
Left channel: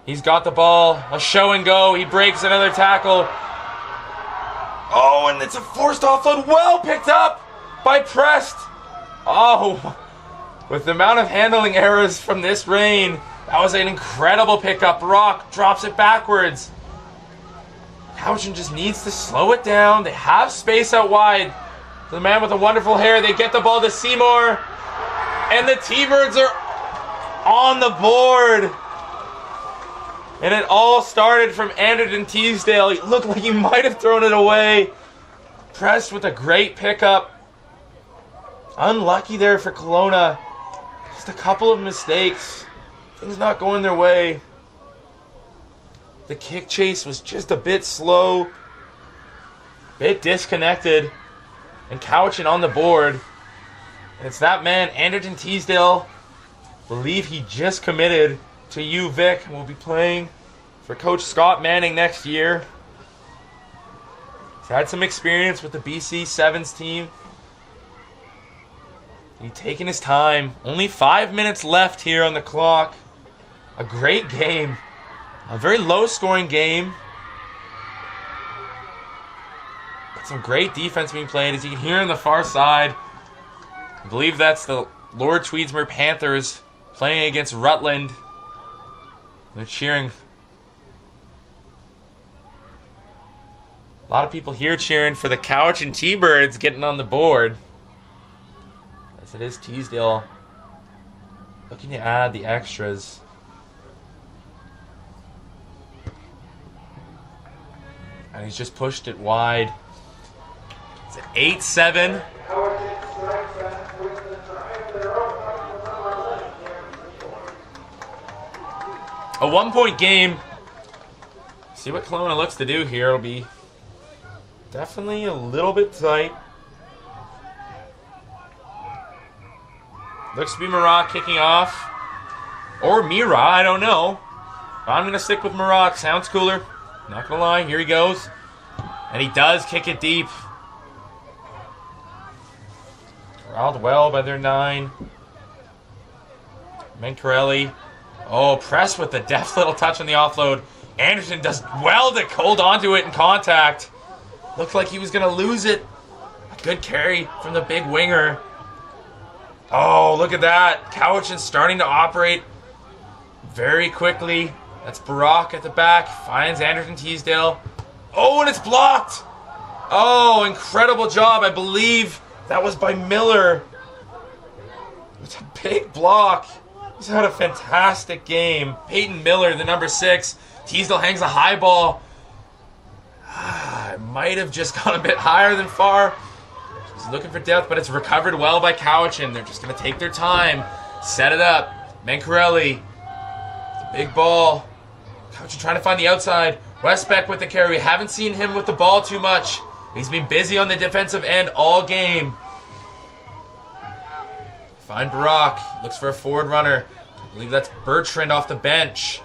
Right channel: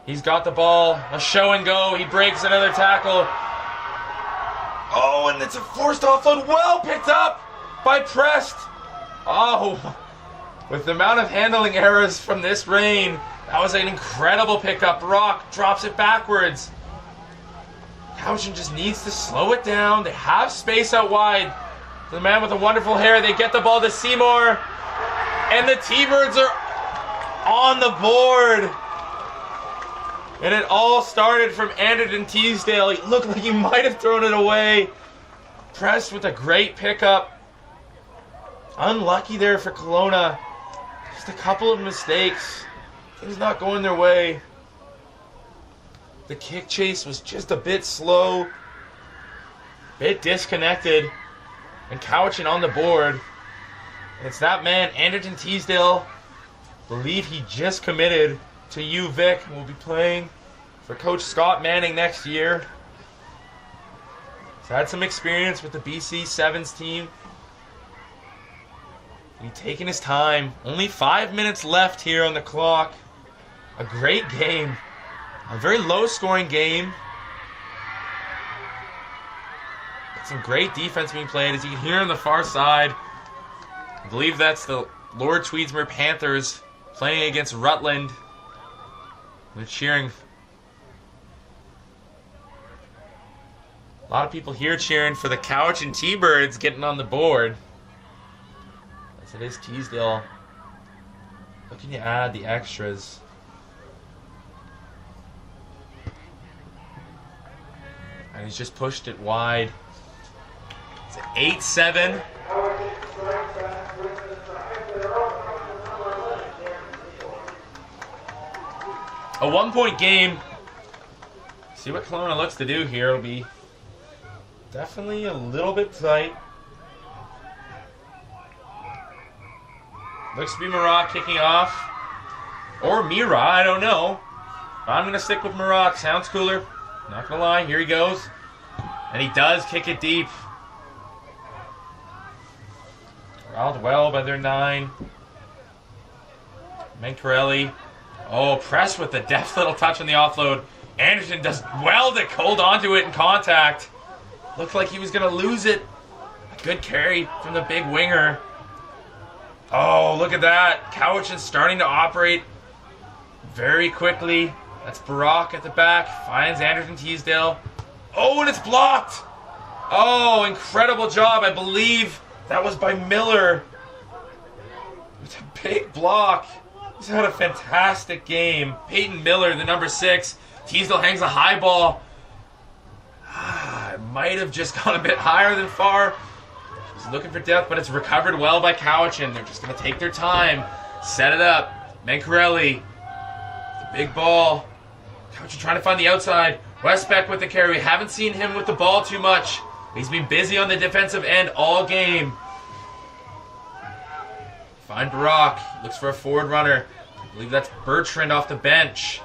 He's got the ball. A show and go. He breaks another tackle. Oh, and it's a forced offload. Well picked up by Prest. Oh, with the amount of handling errors from this rain, that was an incredible pickup. Rock drops it backwards. Cowichan just needs to slow it down. They have space out wide. The man with the wonderful hair, they get the ball to Seymour. And the T-Birds are on the board. And it all started from Anderton Teasdale. He looked like he might have thrown it away. Pressed with a great pickup. Unlucky there for Kelowna. Just a couple of mistakes. Things not going their way. The kick chase was just a bit slow. Bit disconnected. And Cowichan on the board. And it's that man, Anderton Teasdale. I believe he just committed to UVic and will be playing for Coach Scott Manning next year. He's had some experience with the BC Sevens team. He's taking his time. Only 5 minutes left here on the clock. A great game. A very low-scoring game. But some great defense being played. As you can hear on the far side, I believe that's the Lord Tweedsmuir Panthers playing against Rutland. They're cheering. A lot of people here cheering for the Cowichan T-Birds getting on the board. As it is Teasdale looking to add the extras. And he's just pushed it wide. It's an 8-7. A 1-point game. See what Kelowna looks to do here. It'll be definitely a little bit tight. Looks to be Marat kicking off. Or Mira, I don't know. I'm going to stick with Marat. Sounds cooler. Not going to lie. Here he goes. And he does kick it deep. Corralled well by their 9. Mancarelli. Oh, Press with the deft little touch on the offload. Anderson does well to hold onto it in contact. Looked like he was going to lose it. A good carry from the big winger. Oh, look at that. Cowichan starting to operate very quickly. That's Barak at the back. Finds Anderton Teasdale. Oh, and it's blocked. Oh, incredible job. I believe that was by Miller. It's a big block. He's had a fantastic game. Peyton Miller, the number 6. Teasdale hangs a high ball. It might have just gone a bit higher than far. He's looking for depth, but it's recovered well by Cowichan. They're just going to take their time. Set it up. Mancarelli. Big ball. Cowichan trying to find the outside. Westbeck with the carry. We haven't seen him with the ball too much. He's been busy on the defensive end all game. Find Barak. Looks for a forward runner. I believe that's Bertrand off the bench.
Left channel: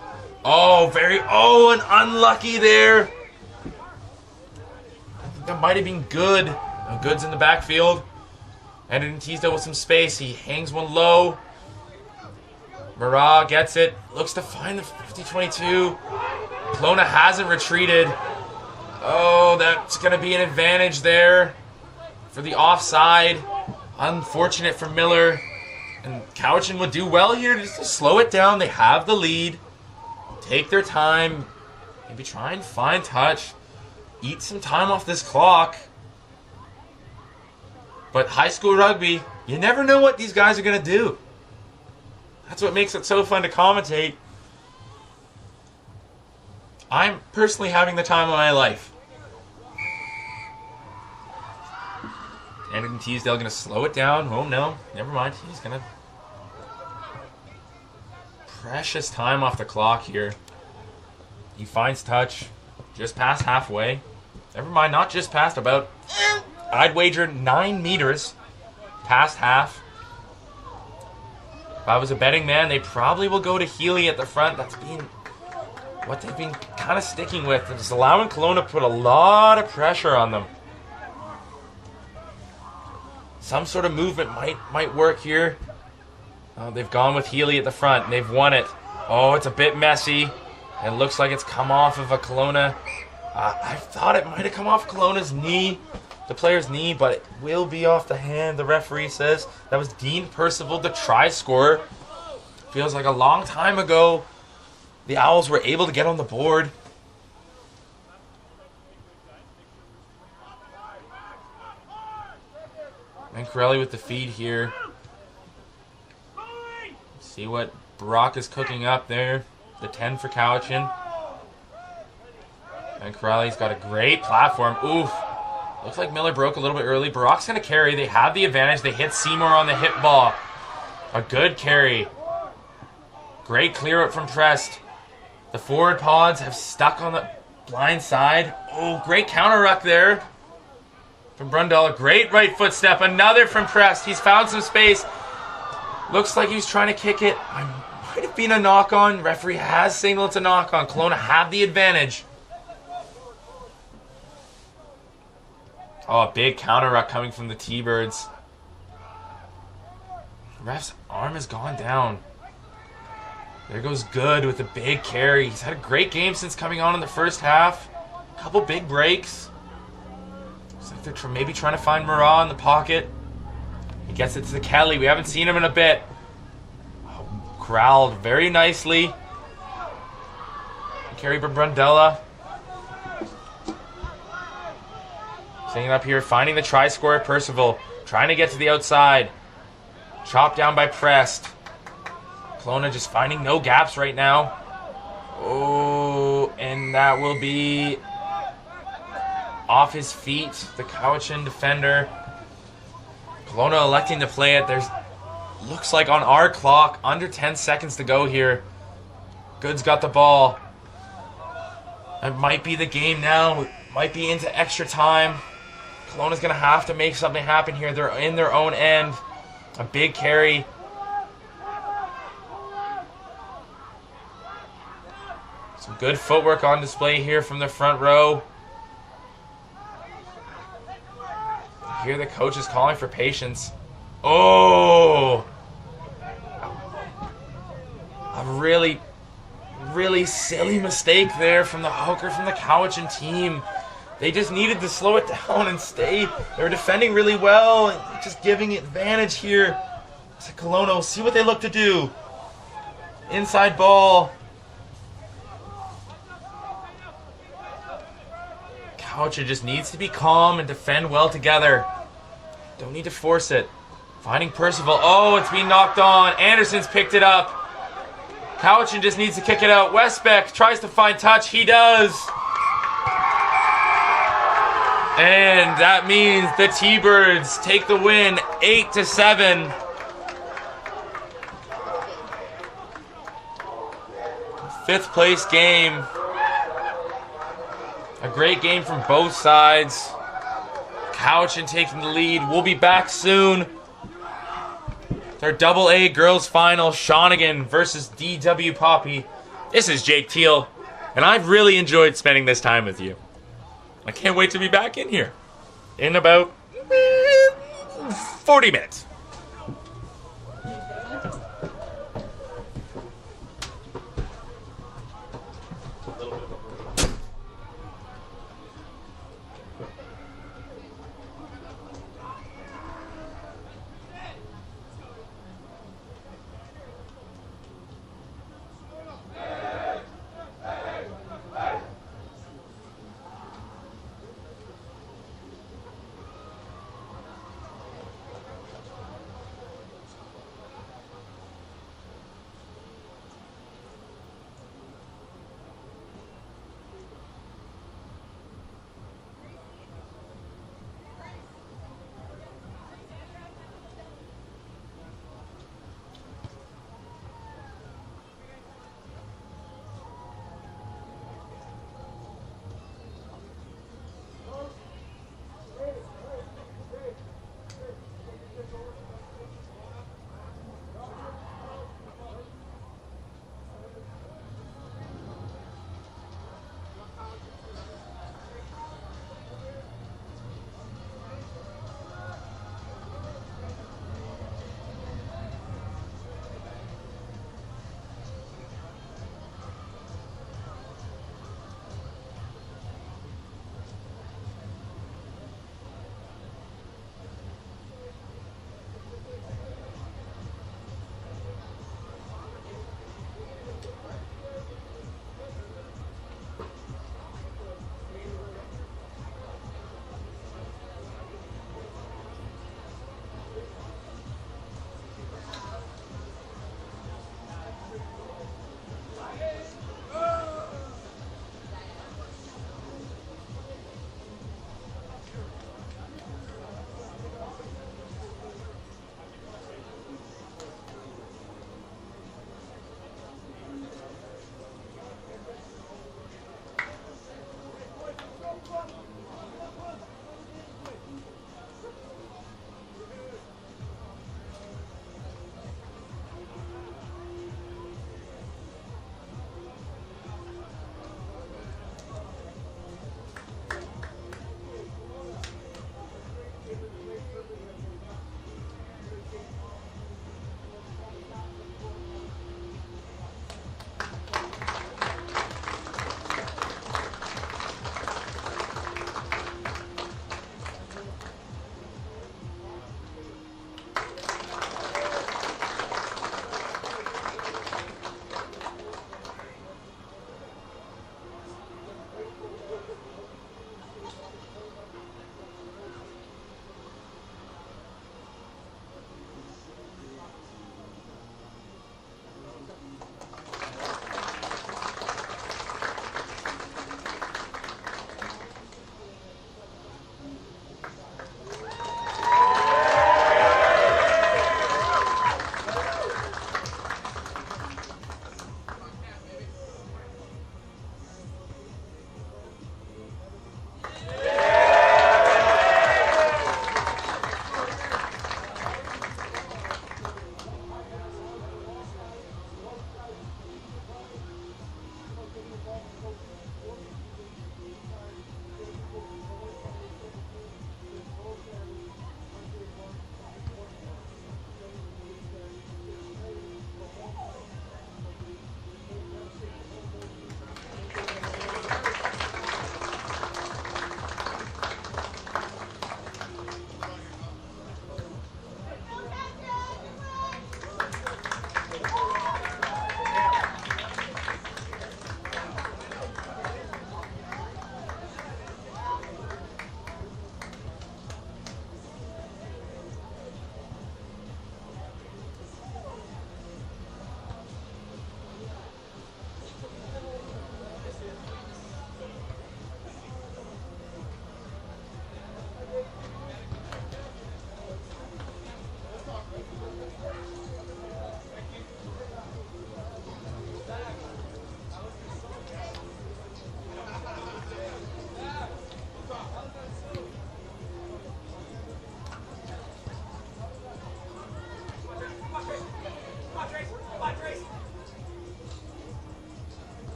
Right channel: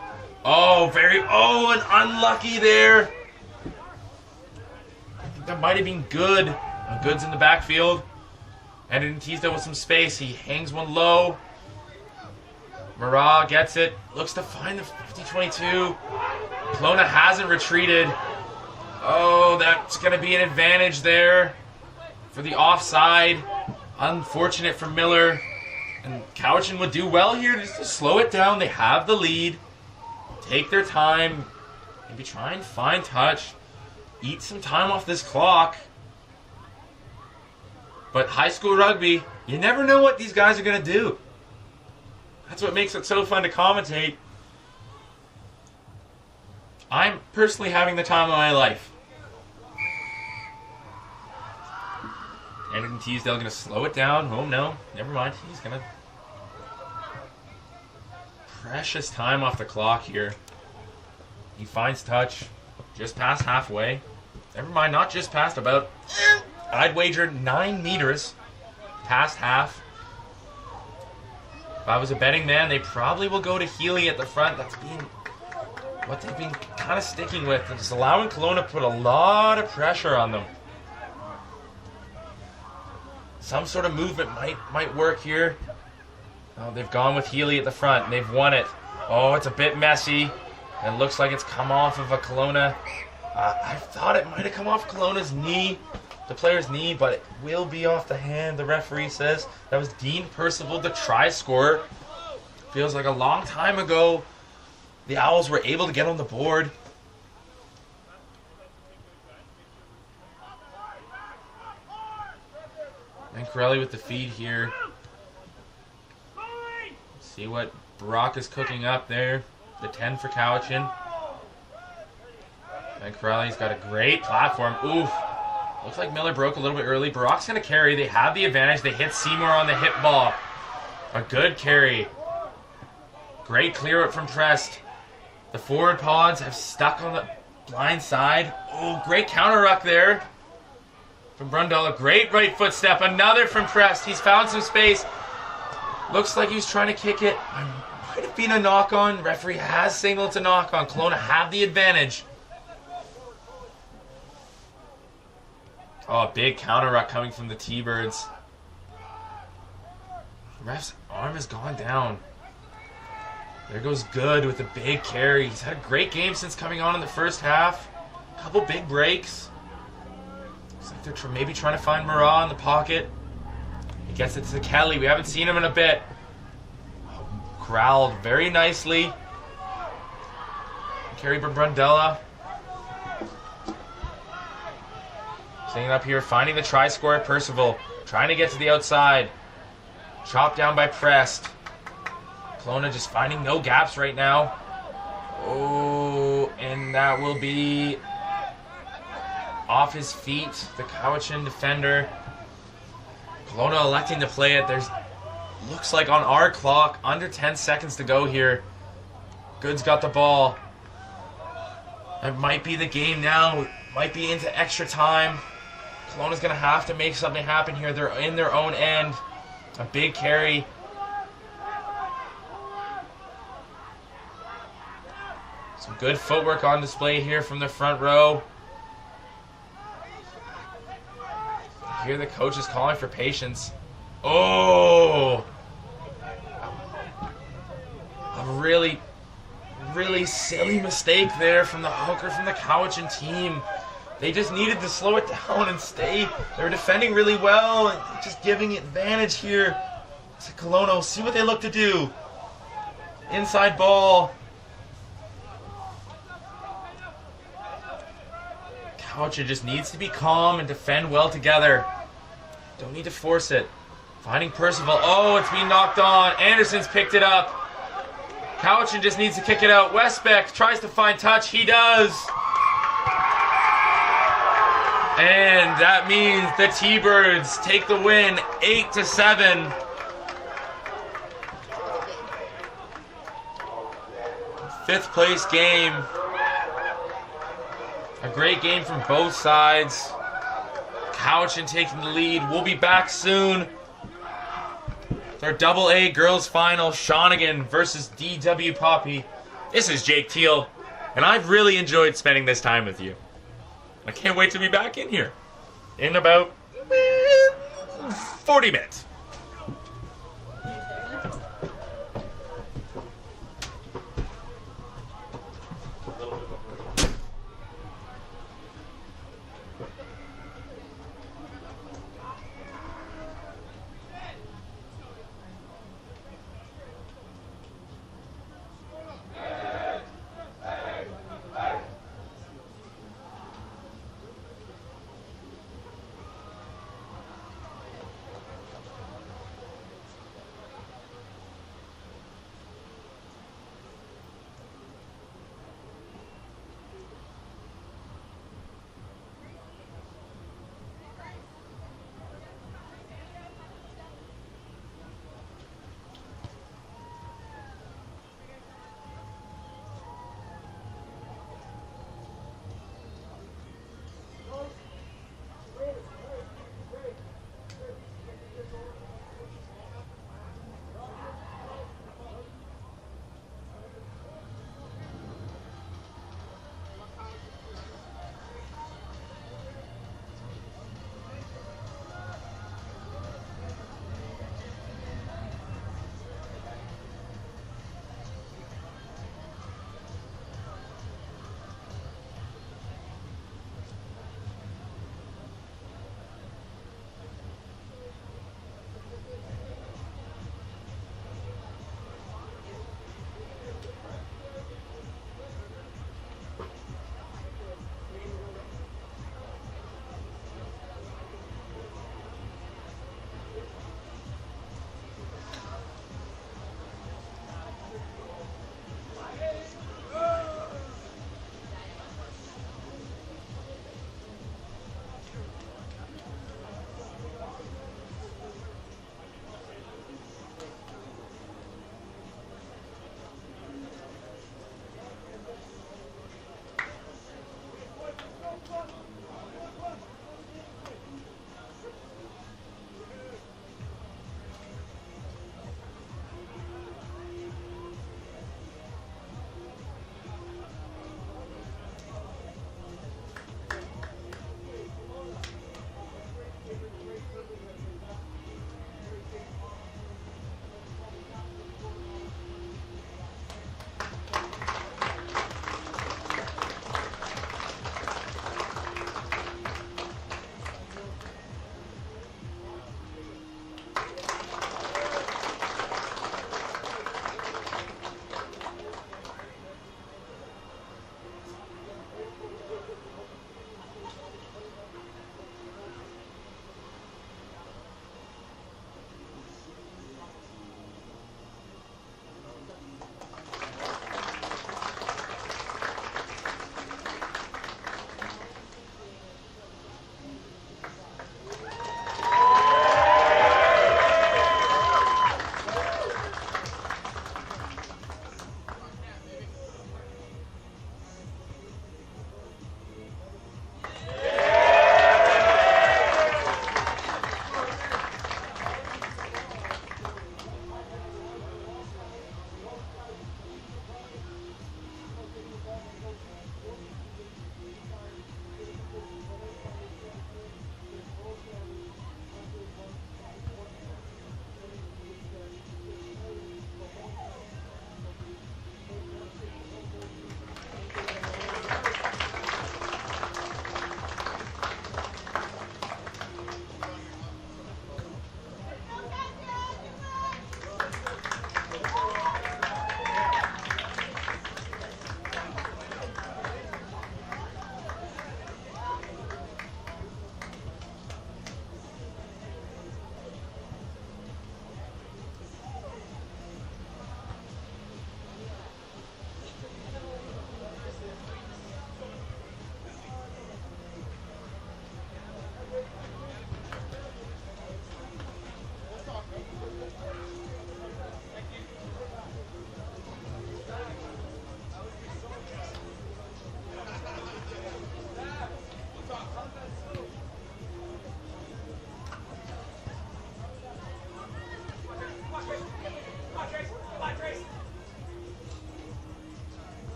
Oh, and unlucky there. I think that might have been good. Good's in the backfield. Anderton Teasdale with some space. He hangs one low. Marat gets it. Looks to find the 50-22. Kelowna hasn't retreated. Oh, that's going to be an advantage there for the offside. Unfortunate for Miller. And Cowichan would do well here just to slow it down. They have the lead. Take their time. Maybe try and find touch. Eat some time off this clock. But high school rugby, you never know what these guys are going to do. That's what makes it so fun to commentate. I'm personally having the time of my life. Anderton Teasdale going to slow it down. Oh no, never mind. He's going to... Precious time off the clock here. He finds touch just past halfway. Never mind, not just past, about, I'd wager 9 meters past half. If I was a betting man, they probably will go to Healy at the front. That's been what they've been kind of sticking with. They're just allowing Kelowna to put a lot of pressure on them. Some sort of movement might work here. Oh, they've gone with Healy at the front, and they've won it. Oh, it's a bit messy. It looks like it's come off of a Kelowna. I thought it might have come off Kelowna's knee, the player's knee, but it will be off the hand, the referee says. That was Dean Percival, the try scorer. Feels like a long time ago the Owls were able to get on the board. And Corelli with the feed here. See what Brock is cooking up there. The 10 for Cowichan. And Corelli's got a great platform. Oof. Looks like Miller broke a little bit early. Brock's going to carry. They have the advantage. They hit Seymour on the hit ball. A good carry. Great clear out from Prest. The forward pods have stuck on the blind side. Oh, great counter ruck there from Brundle. A great right foot step. Another from Prest. He's found some space. Looks like he's trying to kick it. Might have been a knock on. Referee has signaled it's a knock on. Kelowna have the advantage. Oh, a big counter ruck coming from the T-Birds. Ref's arm has gone down. There goes Good with a big carry. He's had a great game since coming on in the first half. A couple big breaks. Looks like they're maybe trying to find Murat in the pocket. He gets it to Kelly. We haven't seen him in a bit. Oh, corralled very nicely. Carry by Brundella. Staying up here, finding the try scorer, Percival. Trying to get to the outside. Chopped down by Prest. Kelowna just finding no gaps right now. Oh, and that will be off his feet. The Cowichan defender. Kelowna electing to play it. There's looks like on our clock, under 10 seconds to go here. Good's got the ball. That might be the game now. Might be into extra time. Kelowna's going to have to make something happen here. They're in their own end. A big carry. Some good footwork on display here from the front row. Here the coach is calling for patience. Oh! A really, really silly mistake there from the hooker from the Cowichan team. They just needed to slow it down and stay. They were defending really well and just giving advantage here to Kelowna. See what they look to do. Inside ball. Cowichan just needs to be calm and defend well together. Don't need to force it. Finding Percival. Oh, it's being knocked on. Anderson's picked it up. Cowichan just needs to kick it out. Westbeck tries to find touch. He does. And that means the T-Birds take the win 8-7. Fifth place game. A great game from both sides. Cowichan taking the lead. We'll be back soon. Their AA girls final, Shawnigan versus DW Poppy. This is Jake Teal, and I've really enjoyed spending this time with you. I can't wait to be back in here in about 40 minutes.